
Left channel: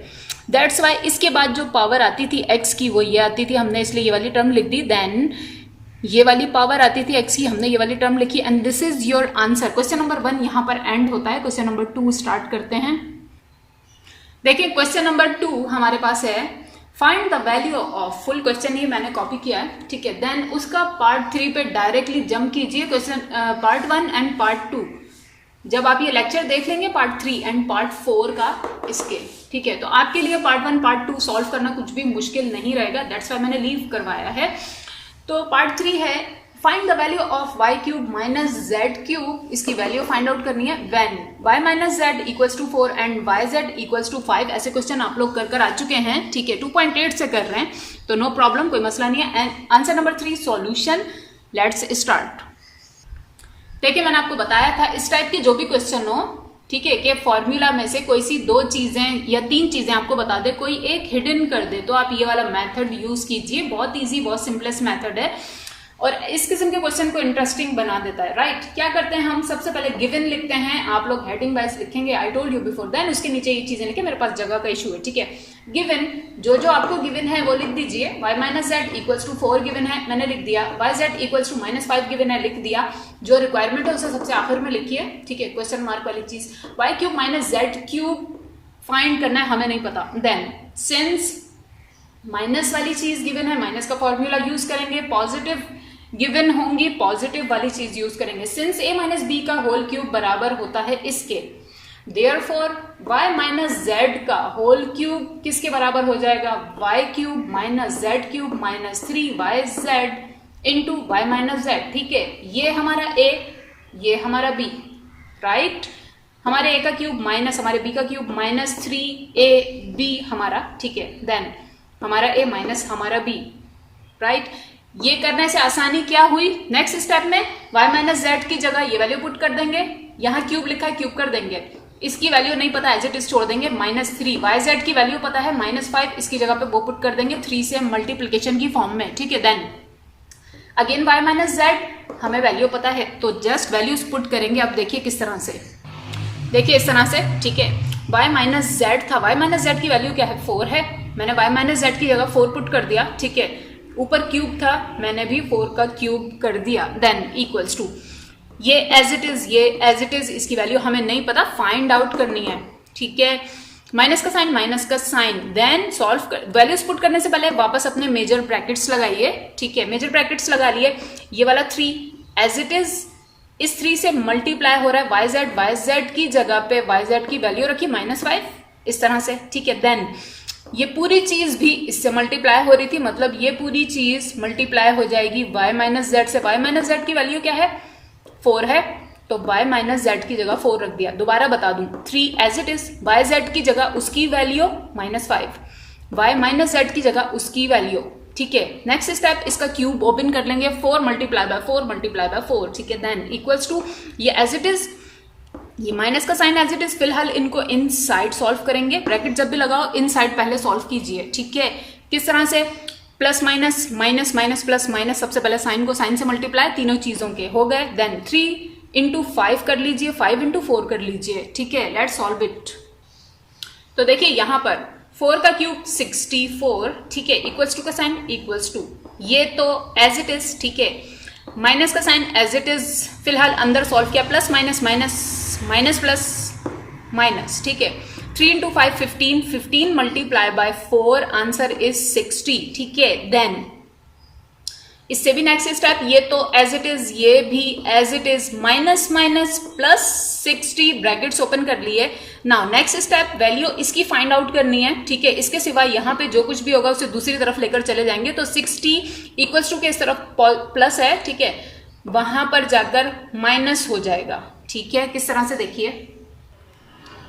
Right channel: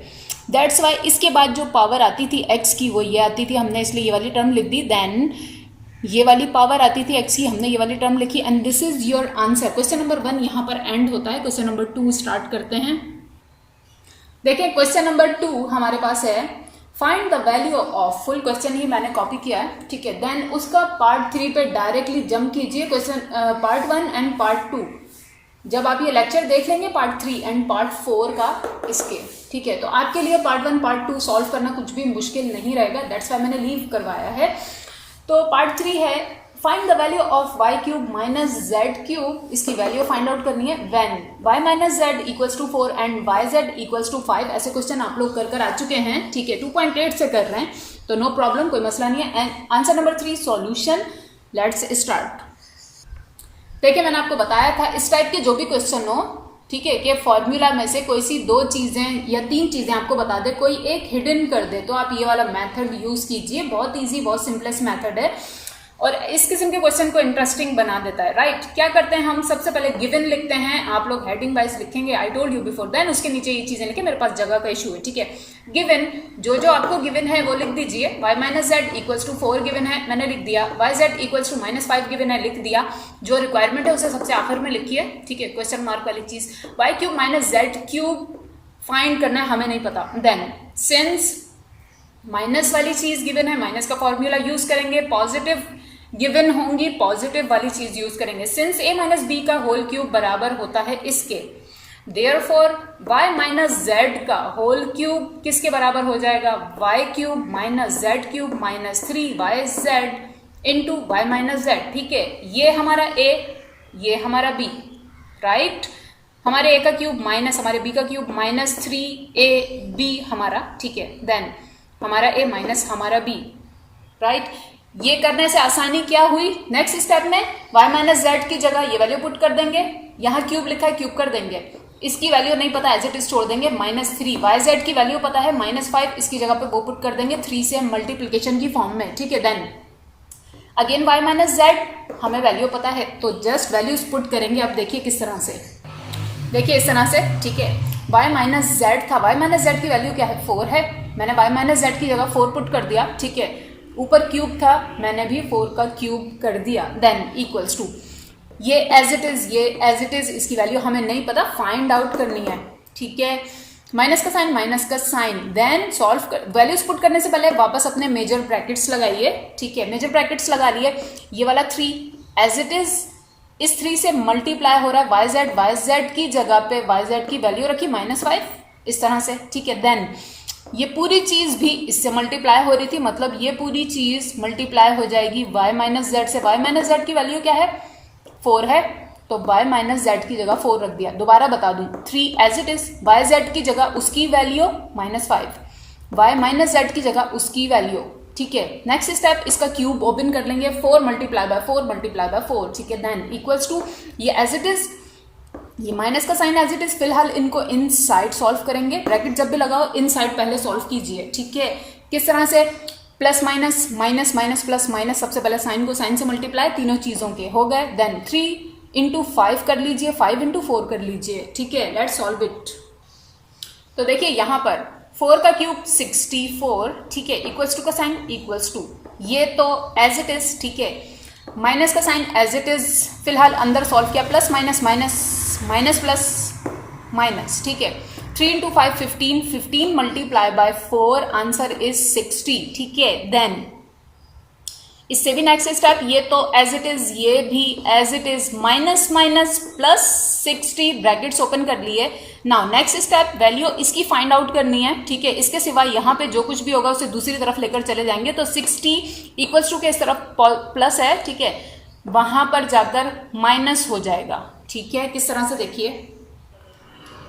दैट्स वाई इसके बाद जो पावर आती थी x की वो ये आती थी, हमने इसलिए ये वाली टर्म लिख दी। देन ये वाली पावर आती थी x की, हमने ये वाली टर्म लिखी। And this is your answer. Question number 1 यहाँ पर एंड होता है। क्वेश्चन नंबर 2 स्टार्ट करते हैं। देखिए क्वेश्चन नंबर 2 हमारे पास है, find the value of, full question ये मैंने कॉपी किया है, ठीक है। देन उसका पार्ट 3 पे डायरेक्टली जंप कीजिए। क्वेश्चन पार्ट 1 एंड पार्ट 2 जब आप ये लेक्चर देख लेंगे पार्ट 3 एंड पार्ट 4 का इसके, ठीक है, तो आपके लिए पार्ट 1 पार्ट 2 सॉल्व करना कुछ भी मुश्किल नहीं रहेगा। दैट्स वाई मैंने लीव करवाया है। तो पार्ट 3 है, find the value of y³ - z³। इसकी वैल्यू फाइंड आउट करनी है when y - z = 4 and yz = 5। ऐसे क्वेश्चन आप लोग कर आ चुके हैं, ठीक है, 2.8 से कर रहे हैं, तो नो प्रॉब्लम, कोई मसला नहीं है। And answer number 3 solution. Let's start. देखिए मैंने आपको बताया था इस टाइप के जो भी क्वेश्चन हो, ठीक है, कि फॉर्मूला में से कोई सी 2 चीजें या 3 चीजें आपको बता दे, कोई एक हिडन कर दे, तो आप ये वाला मेथड यूज कीजिए। बहुत इजी, बहुत सिंपलेस्ट मेथड है और इस किस्म के क्वेश्चन को इंटरेस्टिंग बना देता है, राइट। क्या करते हैं हम, सबसे पहले गिवन लिखते हैं। आप लोग हेडिंग वाइज लिखेंगे, I told you before. Then उसके नीचे ये चीजें लिखे, मेरे पास जगह का इशू है, ठीक है। गिवन जो जो आपको गिवन है वो लिख दीजिए। y - z = 4 गिवन है, मैंने लिख दिया। yz = -5 गिवन है, लिख दिया। जो रिक्वायरमेंट है उसे सबसे आखिर में लिखिए, ठीक है, क्वेश्चन मार्क वाली चीज। y³ - z³ फाइंड करना है, हमें नहीं पता। देन सिंस माइनस वाली चीज गिवन है, माइनस का फॉर्मूला यूज करेंगे। पॉजिटिव गिवन होंगी, पॉजिटिव वाली चीज यूज करेंगे। सिंस a - b का होल क्यूब बराबर होता है इसके, देयरफॉर y - z का होल क्यूब किसके बराबर हो जाएगा, y³ - z³ - 3yz into y - z, ठीक है। ये हमारा a, ये हमारा b, राइट। हमारे a का क्यूब माइनस हमारे b का क्यूब -3ab हमारा, ठीक है। देन हमारा a माइनस हमारा b, राइट। ये करने से आसानी क्या हुई, नेक्स्ट स्टेप में y - z की जगह ये वैल्यू पुट कर देंगे। यहाँ क्यूब लिखा है, क्यूब कर देंगे। इसकी वैल्यू नहीं पता, एज इट इज छोड़ देंगे। -3 yz की वैल्यू पता है -5, इसकी जगह पे वो पुट कर देंगे 3 से मल्टीप्लीकेशन की फॉर्म में, ठीक है। देन अगेन y - z हमें वैल्यू पता है, तो जस्ट वैल्यूज पुट करेंगे। आप देखिए किस तरह से, देखिए इस तरह से, ठीक है। y - z था, y - z की वैल्यू क्या है, 4 है। मैंने y - z की जगह 4 पुट कर दिया, ठीक है। ऊपर क्यूब था, मैंने भी 4 का क्यूब कर दिया। देन इक्वल्स टू ये एज इट इज, ये एज इट इज, इसकी वैल्यू हमें नहीं पता, फाइंड आउट करनी है, ठीक है। माइनस का साइन, माइनस का साइन। देन सॉल्व कर, वैल्यूज पुट करने से पहले वापस अपने मेजर ब्रैकेट्स लगाइए, ठीक है। मेजर ब्रैकेट्स लगा लिए। ये वाला 3 एज इट इज, इस 3 से मल्टीप्लाई हो रहा है yz की जगह पे yz की वैल्यू रखी -5, इस तरह से, ठीक है। देन ये पूरी चीज भी इससे मल्टीप्लाई हो रही थी, मतलब ये पूरी चीज मल्टीप्लाई हो जाएगी y - z से। y - z की वैल्यू क्या है, 4 है, तो y - z की जगह 4 रख दिया। दोबारा बता दूं, 3 एज इट इज, yz की जगह उसकी वैल्यू -5, y - z की जगह उसकी वैल्यू, ठीक है। नेक्स्ट स्टेप, इसका क्यूब ओपन कर लेंगे, 4 × 4 × 4, ठीक है। देन इक्वल्स टू ये एज इट इज, ये माइनस का साइन एज इट इज। फिलहाल इनको इन साइड सॉल्व करेंगे। ब्रैकेट जब भी लगाओ इन साइड पहले सॉल्व कीजिए, ठीक है। किस तरह से, plus minus, minus minus plus minus, सबसे पहले साइन को साइन से मल्टीप्लाई, तीनों चीजों के हो गए। देन 3 इंटू 5 कर लीजिए, 5 इंटू 4 कर लीजिए, ठीक है। Let's solve it. तो देखिए यहां पर 4 का क्यूब 64, ठीक है, इक्वल्स टू का साइन इक्वल्स टू, ये तो एज इट इज, ठीक है। माइनस का साइन एज इट इज फिलहाल अंदर सॉल्व किया, plus minus minus minus plus minus, ठीक है। 3 into 5 15, 15 multiply by 4, answer is 60, ठीक है। देन इससे भी नेक्स्ट स्टेप, ये तो एज इट इज, ये भी as it is, minus minus plus 60, brackets open कर लिए। नाउ नेक्स्ट स्टेप, वैल्यू इसकी फाइंड आउट करनी है, ठीक है। इसके सिवा यहाँ पे जो कुछ भी होगा उसे दूसरी तरफ लेकर चले जाएंगे, तो 60 इक्वल्स टू के इस तरफ प्लस है, ठीक है, वहां पर जाकर माइनस हो जाएगा, ठीक है। किस तरह से देखिए,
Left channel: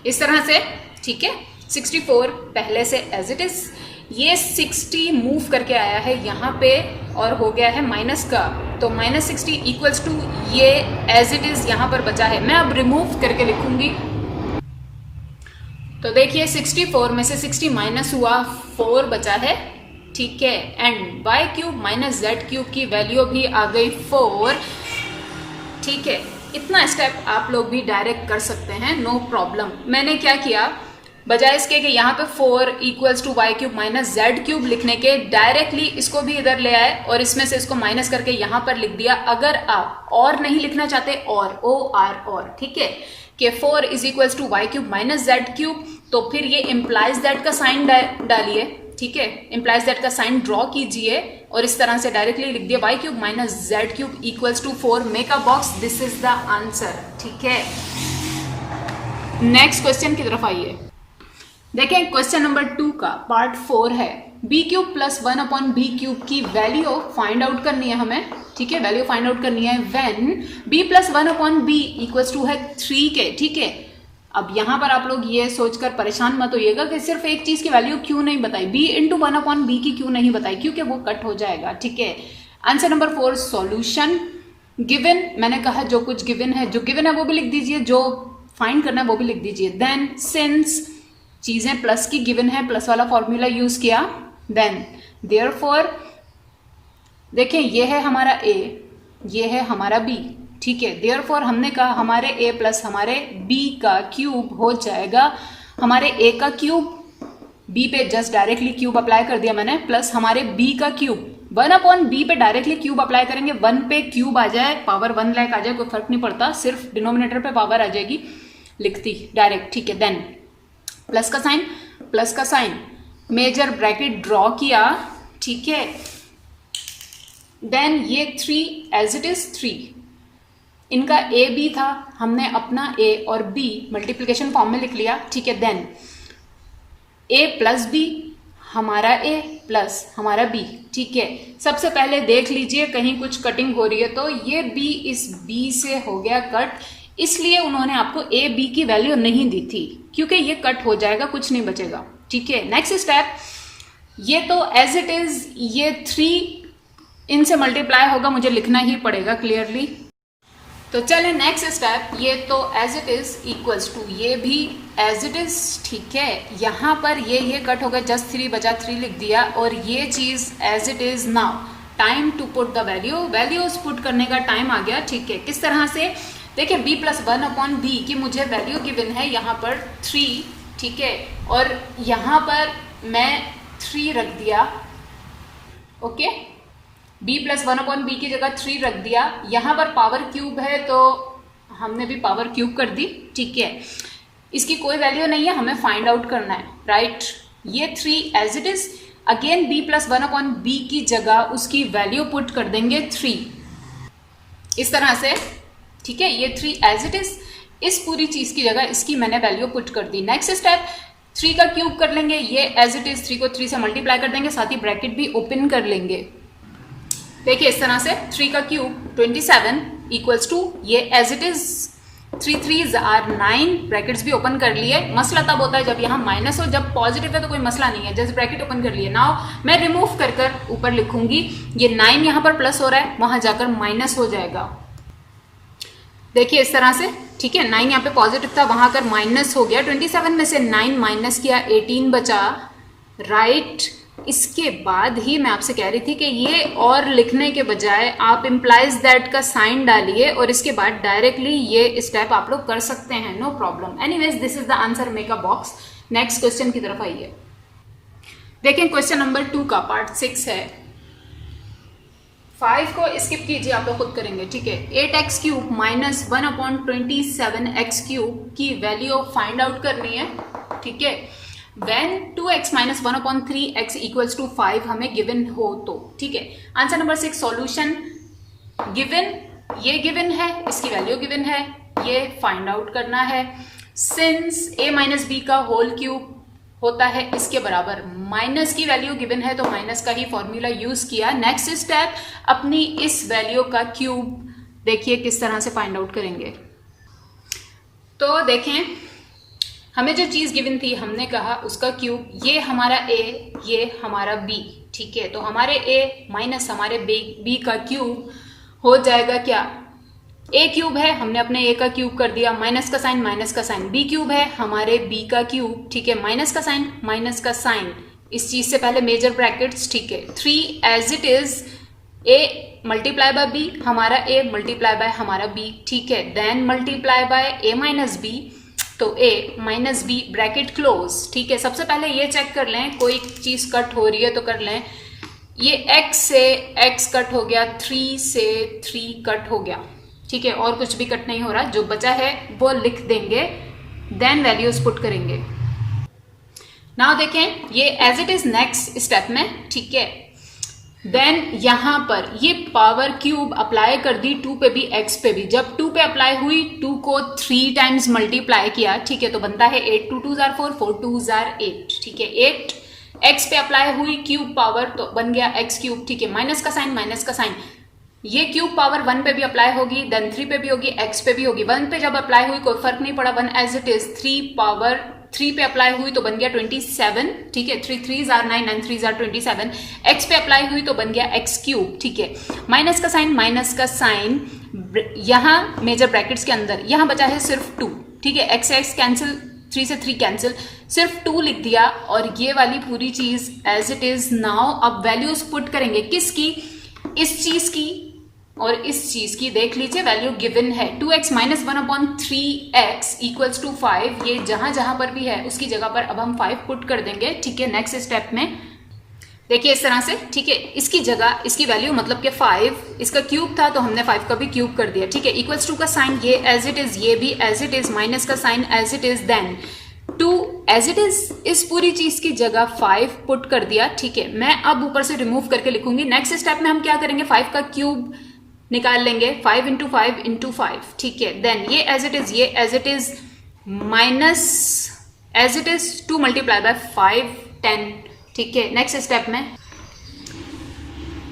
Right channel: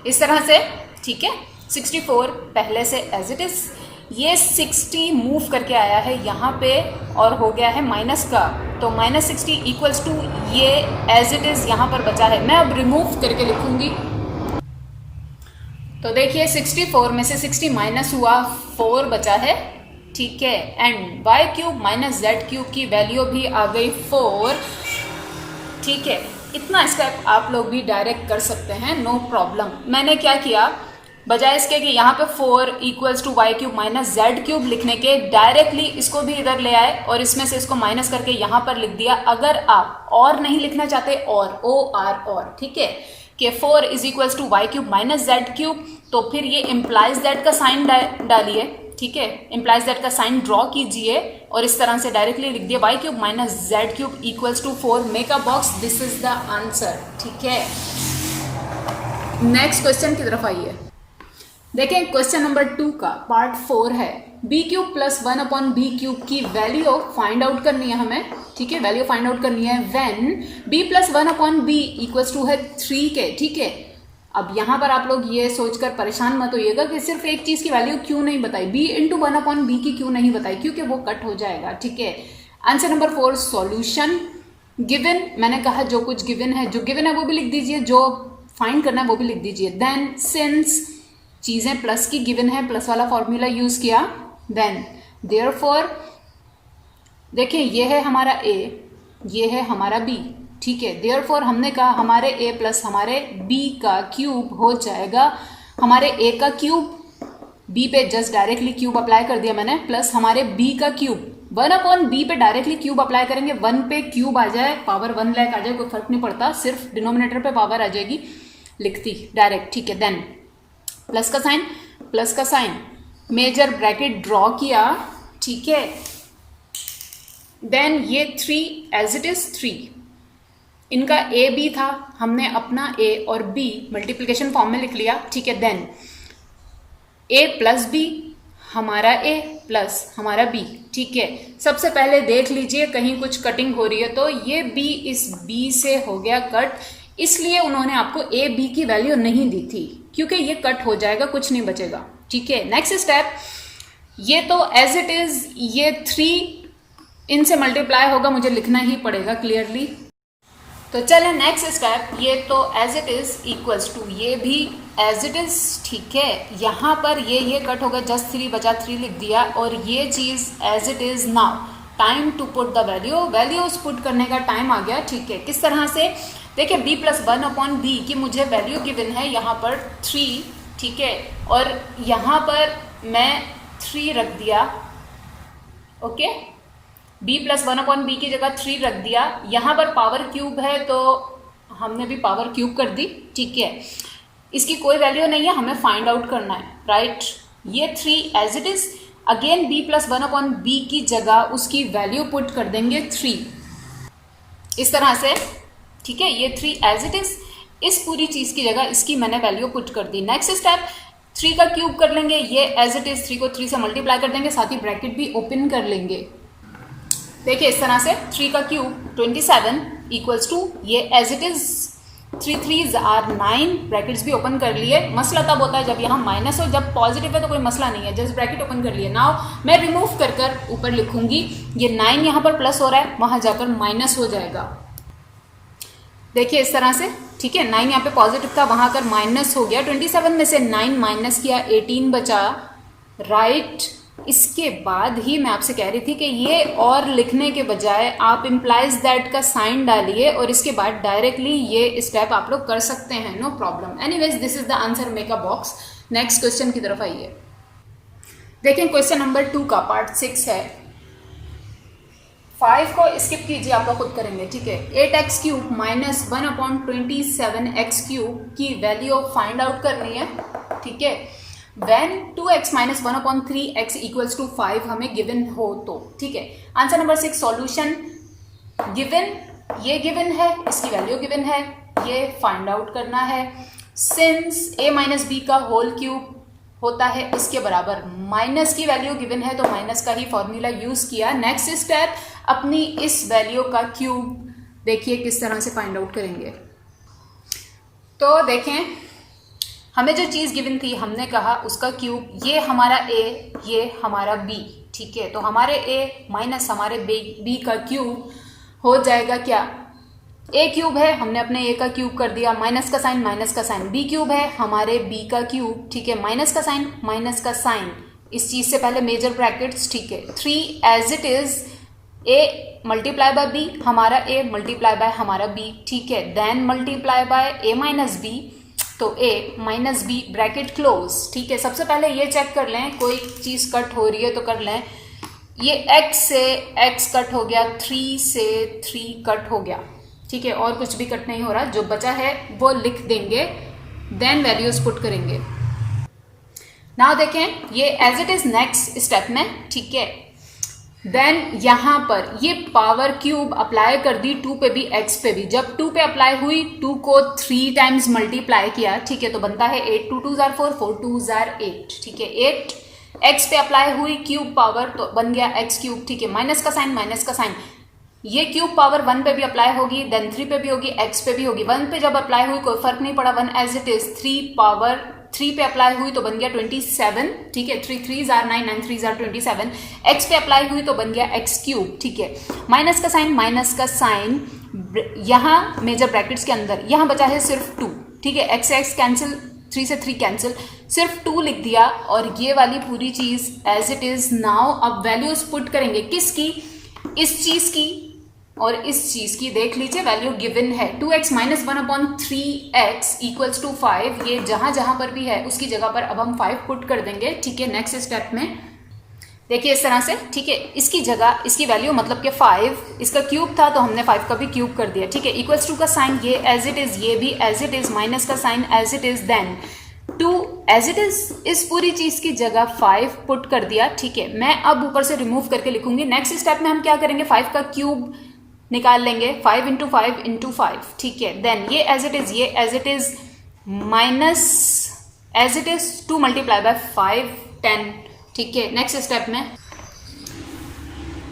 इस तरह से, ठीक है। 64 पहले से एज इट इज, ये 60 मूव करके आया है यहाँ पे और हो गया है माइनस का, तो माइनस 60 इक्वल्स टू ये एज इट इज यहाँ पर बचा है। मैं अब रिमूव करके लिखूंगी, तो देखिए 64 में से 60 माइनस हुआ, 4 बचा है, ठीक है। And y cube minus z cube की वैल्यू भी आ गई 4, ठीक है। इतना स्टेप आप लोग भी डायरेक्ट कर सकते हैं, नो प्रॉब्लम। मैंने क्या किया, बजाय इसके कि यहाँ पे 4 equals to y cube minus z cube लिखने के, डायरेक्टली इसको भी इधर ले आए और इसमें से इसको माइनस करके यहाँ पर लिख दिया। अगर आप और नहीं लिखना चाहते, और, ठीक है, कि 4 is equals to y cube minus z cube, तो फिर ये इम्प्लाइज दैट का साइन डालिए, ठीक है, इम्प्लाइज दैट का साइन ड्रॉ कीजिए और इस तरह से डायरेक्टली लिख दिया y cube minus z cube equals to 4, make a box, this is the answer, ठीक है। नेक्स्ट क्वेश्चन की तरफ आइए। देखें क्वेश्चन नंबर 2 का पार्ट 4 है, b cube plus 1 upon b cube की वैल्यू फाइंड आउट करनी है हमें, ठीक है, वैल्यू फाइंड आउट करनी है when b plus 1 upon b equals to है 3 के, ठीक है। अब यहां पर आप लोग ये सोचकर परेशान मत होइएगा कि सिर्फ एक चीज की वैल्यू क्यों नहीं बताई, b इंटू 1 अपॉन बी की क्यों नहीं बताई, क्योंकि वो कट हो जाएगा, ठीक है। आंसर नंबर 4 सॉल्यूशन गिवन, मैंने कहा जो कुछ गिवन है, जो गिवन है वो भी लिख दीजिए, जो फाइंड करना है वो भी लिख दीजिए। देन सिंस चीजें प्लस की गिवन है, प्लस वाला फॉर्मूला यूज किया, देन देयरफॉर देखें ये है हमारा a, ये है हमारा b, ठीक है। देयरफॉर हमने कहा हमारे a प्लस हमारे b का क्यूब हो जाएगा, हमारे a का क्यूब b पे जस्ट डायरेक्टली क्यूब अप्लाई कर दिया मैंने, प्लस हमारे b का क्यूब 1 अपॉन b पे डायरेक्टली क्यूब अप्लाई करेंगे, 1 पे क्यूब आ जाए, पावर 1 लाख आ जाए, कोई फर्क नहीं पड़ता, सिर्फ डिनोमिनेटर पे पावर आ जाएगी, लिखती डायरेक्ट, ठीक है। देन प्लस का साइन मेजर ब्रैकेट ड्रॉ किया, ठीक है। देन ये 3 एज इट इज 3, इनका a b था, हमने अपना a और b मल्टीप्लिकेशन फॉर्म में लिख लिया, ठीक है। देन a प्लस b हमारा a प्लस हमारा b, ठीक है। सबसे पहले देख लीजिए कहीं कुछ कटिंग हो रही है, तो ये b इस b से हो गया कट, इसलिए उन्होंने आपको a b की वैल्यू नहीं दी थी, क्योंकि ये कट हो जाएगा, कुछ नहीं बचेगा, ठीक है। नेक्स्ट स्टेप, ये तो एज इट इज, ये 3 इनसे मल्टीप्लाई होगा, मुझे लिखना ही पड़ेगा क्लियरली, तो चले नेक्स्ट स्टेप, ये तो as it is equals to ये भी एज इट इज, ठीक है। यहां पर ये कट होगा, जस्ट 3 बचा, 3 लिख दिया, और ये चीज as it is. Now time to put the values put करने का टाइम आ गया, ठीक है। किस तरह से, देखिए b प्लस 1 अपॉन बी की मुझे वैल्यू गिवन है यहाँ पर 3, ठीक है, और यहाँ पर मैं 3 रख दिया, okay. b plus 1 upon b की जगह 3 रख दिया, यहाँ पर पावर क्यूब है तो हमने भी पावर क्यूब कर दी, ठीक है। इसकी कोई वैल्यू नहीं है, हमें फाइंड आउट करना है, राइट। ये 3 as it is, again b plus 1 upon b की जगह उसकी वैल्यू पुट कर देंगे 3, इस तरह से, ठीक है। ये 3 एज इट इज, इस पूरी चीज की जगह इसकी मैंने वैल्यू पुट कर दी। नेक्स्ट स्टेप, 3 का क्यूब कर लेंगे, ये एज इट इज 3 को 3 से मल्टीप्लाई कर देंगे, साथ ही ब्रैकेट भी ओपन कर लेंगे। देखिए इस तरह से 3 का क्यूब 27 इक्वल्स टू ये as it is 3 3s are 9, brackets भी ओपन कर लिए। मसला तब होता है जब यहाँ माइनस हो, जब पॉजिटिव है तो कोई मसला नहीं है, जस्ट ब्रैकेट ओपन कर लिए। नाउ मैं रिमूव कर कर ऊपर लिखूंगी, ये 9 यहाँ पर प्लस हो रहा है, वहां जाकर माइनस हो जाएगा। देखिए इस तरह से, ठीक है। 9 यहाँ पे पॉजिटिव था, वहां कर माइनस हो गया, 27 में से 9 माइनस किया, 18 बचा, राइट। इसके बाद ही मैं आपसे कह रही थी कि ये और लिखने के बजाय आप इम्प्लाइज दैट का साइन डालिए और इसके बाद डायरेक्टली ये स्टेप आप लोग कर सकते हैं, no problem. Anyways this is the answer, make a box. Next question की तरफ आइए। देखें क्वेश्चन नंबर 2 का पार्ट 6 है। 5 को स्किप कीजिए, आप लोग खुद करेंगे, ठीक है। 8x cube minus 1/27x cube की वैल्यू फाइंड आउट करनी है, ठीक है। When 2x minus 1/3x equals to 5 हमें गिवन हो तो, ठीक है। आंसर नंबर 6 सॉल्यूशन गिवन, ये गिवन है, इसकी वैल्यू गिवन है, ये फाइंड आउट करना है। सिंस a माइनस बी का होल क्यूब होता है इसके बराबर, माइनस की वैल्यू गिवन है तो माइनस का ही फॉर्मूला यूज किया। नेक्स्ट स्टेप, अपनी इस वैल्यू का क्यूब देखिए किस तरह से फाइंड आउट करेंगे। तो देखें, हमें जो चीज गिवन थी हमने कहा उसका क्यूब, ये हमारा a, ये हमारा b, ठीक है। तो हमारे a माइनस हमारे b का क्यूब हो जाएगा क्या, a क्यूब है, हमने अपने a का क्यूब कर दिया, माइनस का साइन माइनस का साइन, b क्यूब है हमारे b का क्यूब, ठीक है, माइनस का साइन माइनस का साइन, इस चीज से पहले मेजर ब्रैकेट्स, ठीक है। 3 as it is a multiply by b, हमारा a मल्टीप्लाई बाय हमारा b, ठीक है, then multiply by a minus b, तो a minus b bracket close, ठीक है। सबसे पहले ये चेक कर लें, कोई चीज कट हो रही है तो कर लें। ये x से x कट हो गया, 3 से 3 कट हो गया, ठीक है, और कुछ भी कट नहीं हो रहा, जो बचा है वो लिख देंगे, देन वैल्यूज पुट करेंगे। नाउ देखें ये as it is next step में, ठीक है। देन यहां पर ये पावर क्यूब अप्लाई कर दी 2 पे भी x पे भी। जब 2 पे अप्लाई हुई, 2 को 3 टाइम्स मल्टीप्लाई किया, ठीक है, तो बनता है 8 2 2 4 4 2 8, ठीक है। 8 x पे अप्लाई हुई क्यूब पावर तो बन गया x क्यूब, ठीक है, माइनस का साइन, ये क्यूब पावर 1 पे भी अप्लाई होगी, देन 3 पे भी होगी, x पे भी होगी। 1 पे जब अप्लाई हुई कोई फर्क नहीं पड़ा, 1 एज इट इज। 3 पावर 3 पे अप्लाई हुई तो बन गया 27, ठीक है, 3 3s are 9 9 3s are 27। x पे अप्लाई हुई तो बन गया x क्यूब, ठीक है, माइनस का साइन यहां मेजर ब्रैकेट्स के अंदर, यहां बचा है सिर्फ 2, ठीक है, x x कैंसिल, 3 से 3 कैंसिल, सिर्फ 2 लिख दिया और ये वाली पूरी चीज एज इट इज। नाउ अब वैल्यूज पुट करेंगे, किसकी, इस चीज की और इस चीज की। देख लीजिए वैल्यू गिवन है, 2x minus 1/3x equals to 5, ये जहां जहां पर भी है उसकी जगह पर अब हम 5 पुट कर देंगे, ठीक है। नेक्स्ट स्टेप में देखिए इस तरह से, ठीक है, इसकी जगह इसकी वैल्यू मतलब कि 5, इसका क्यूब था तो हमने 5 का भी क्यूब कर दिया, ठीक है। इक्वल्स टू का साइन ये एज इट इज, ये भी एज इट इज, माइनस का sign as it is, then 2 as it is, इस पूरी चीज की जगह 5 पुट कर दिया, ठीक है। मैं अब ऊपर से रिमूव करके लिखूंगी। नेक्स्ट स्टेप में हम क्या करेंगे, 5 का क्यूब निकाल लेंगे, 5 इंटू 5 इंटू 5, ठीक है। देन ये एज इट इज, ये as it is, minus as it is 2 multiply by 5 10, ठीक है। नेक्स्ट स्टेप में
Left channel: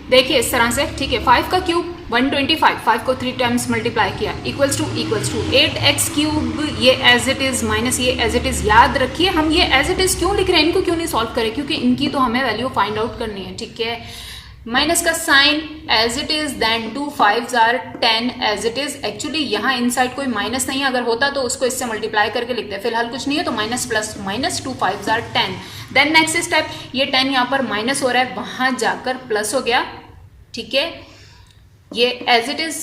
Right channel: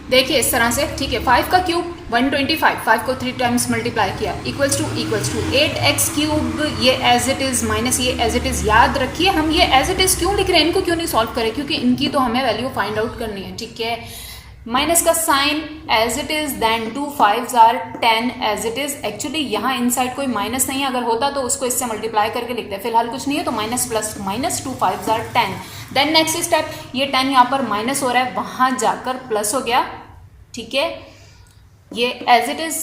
देखिए इस तरह से, ठीक है, 5 का क्यूब 125, 5 को 3 टाइम्स मल्टीप्लाई किया, इक्वल्स टू 8x क्यूब, ये एज इट इज माइनस ये एज इट इज। याद रखिए हम ये एज इट इज क्यों लिख रहे हैं, इनको क्यों नहीं सॉल्व करें, क्योंकि इनकी तो हमें वैल्यू फाइंड आउट करनी है, ठीक है। माइनस का sign as it is, then 2 5s are 10 as it is. Actually यहाँ इनसाइड कोई माइनस नहीं, अगर होता तो उसको इससे मल्टीप्लाई करके लिखते, फिलहाल कुछ नहीं है तो minus plus minus 2 5s are 10। Then next step, ये 10 यहाँ पर माइनस हो रहा है, वहां जाकर प्लस हो गया, ठीक है, ये as it is.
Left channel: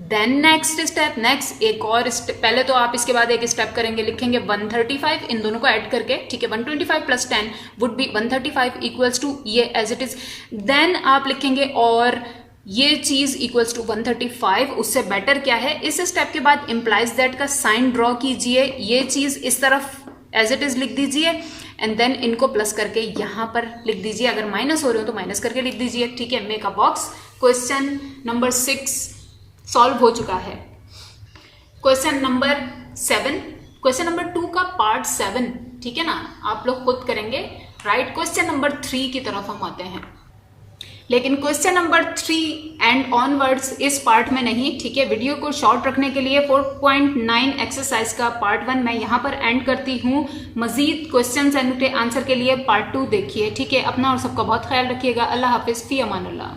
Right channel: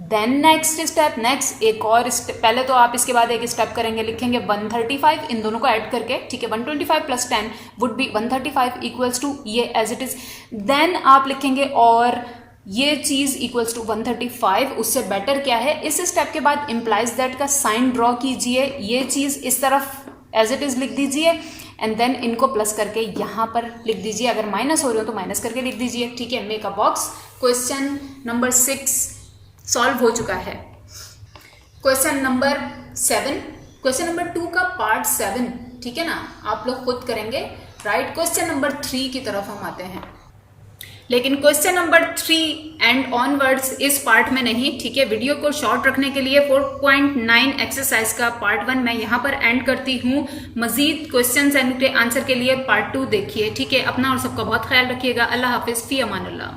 Then next step, next एक और स्टेप, पहले तो आप इसके बाद एक स्टेप करेंगे, लिखेंगे 135, इन दोनों को ऐड करके, ठीक है, 125 plus 10 would be 135 equals to ये एज इट इज। देन आप लिखेंगे और ये चीज इक्वल्स टू 135, उससे बेटर क्या है, इस स्टेप के बाद इंप्लाइज दैट का साइन ड्रॉ कीजिए, ये चीज इस तरफ एज इट इज लिख दीजिए एंड देन इनको प्लस करके यहां पर लिख दीजिए, अगर माइनस हो रहे हो तो माइनस करके लिख दीजिए, ठीक है। Make a box. Question number 6 solve हो चुका है। क्वेश्चन नंबर 7, क्वेश्चन नंबर 2 का पार्ट 7, ठीक है ना, आप लोग खुद करेंगे, राइट। क्वेश्चन नंबर 3 की तरफ हम आते हैं, लेकिन क्वेश्चन नंबर 3 एंड ऑनवर्ड्स इस पार्ट में नहीं, ठीक है। वीडियो को शॉर्ट रखने के लिए 4.9 एक्सरसाइज का पार्ट 1 मैं यहाँ पर एंड करती हूँ। मजीद क्वेश्चन एंड आंसर के लिए पार्ट 2 देखिए, ठीक है। अपना और सबका बहुत ख्याल रखिएगा। अल्लाह हाफिज, फी अमानुल्लाह।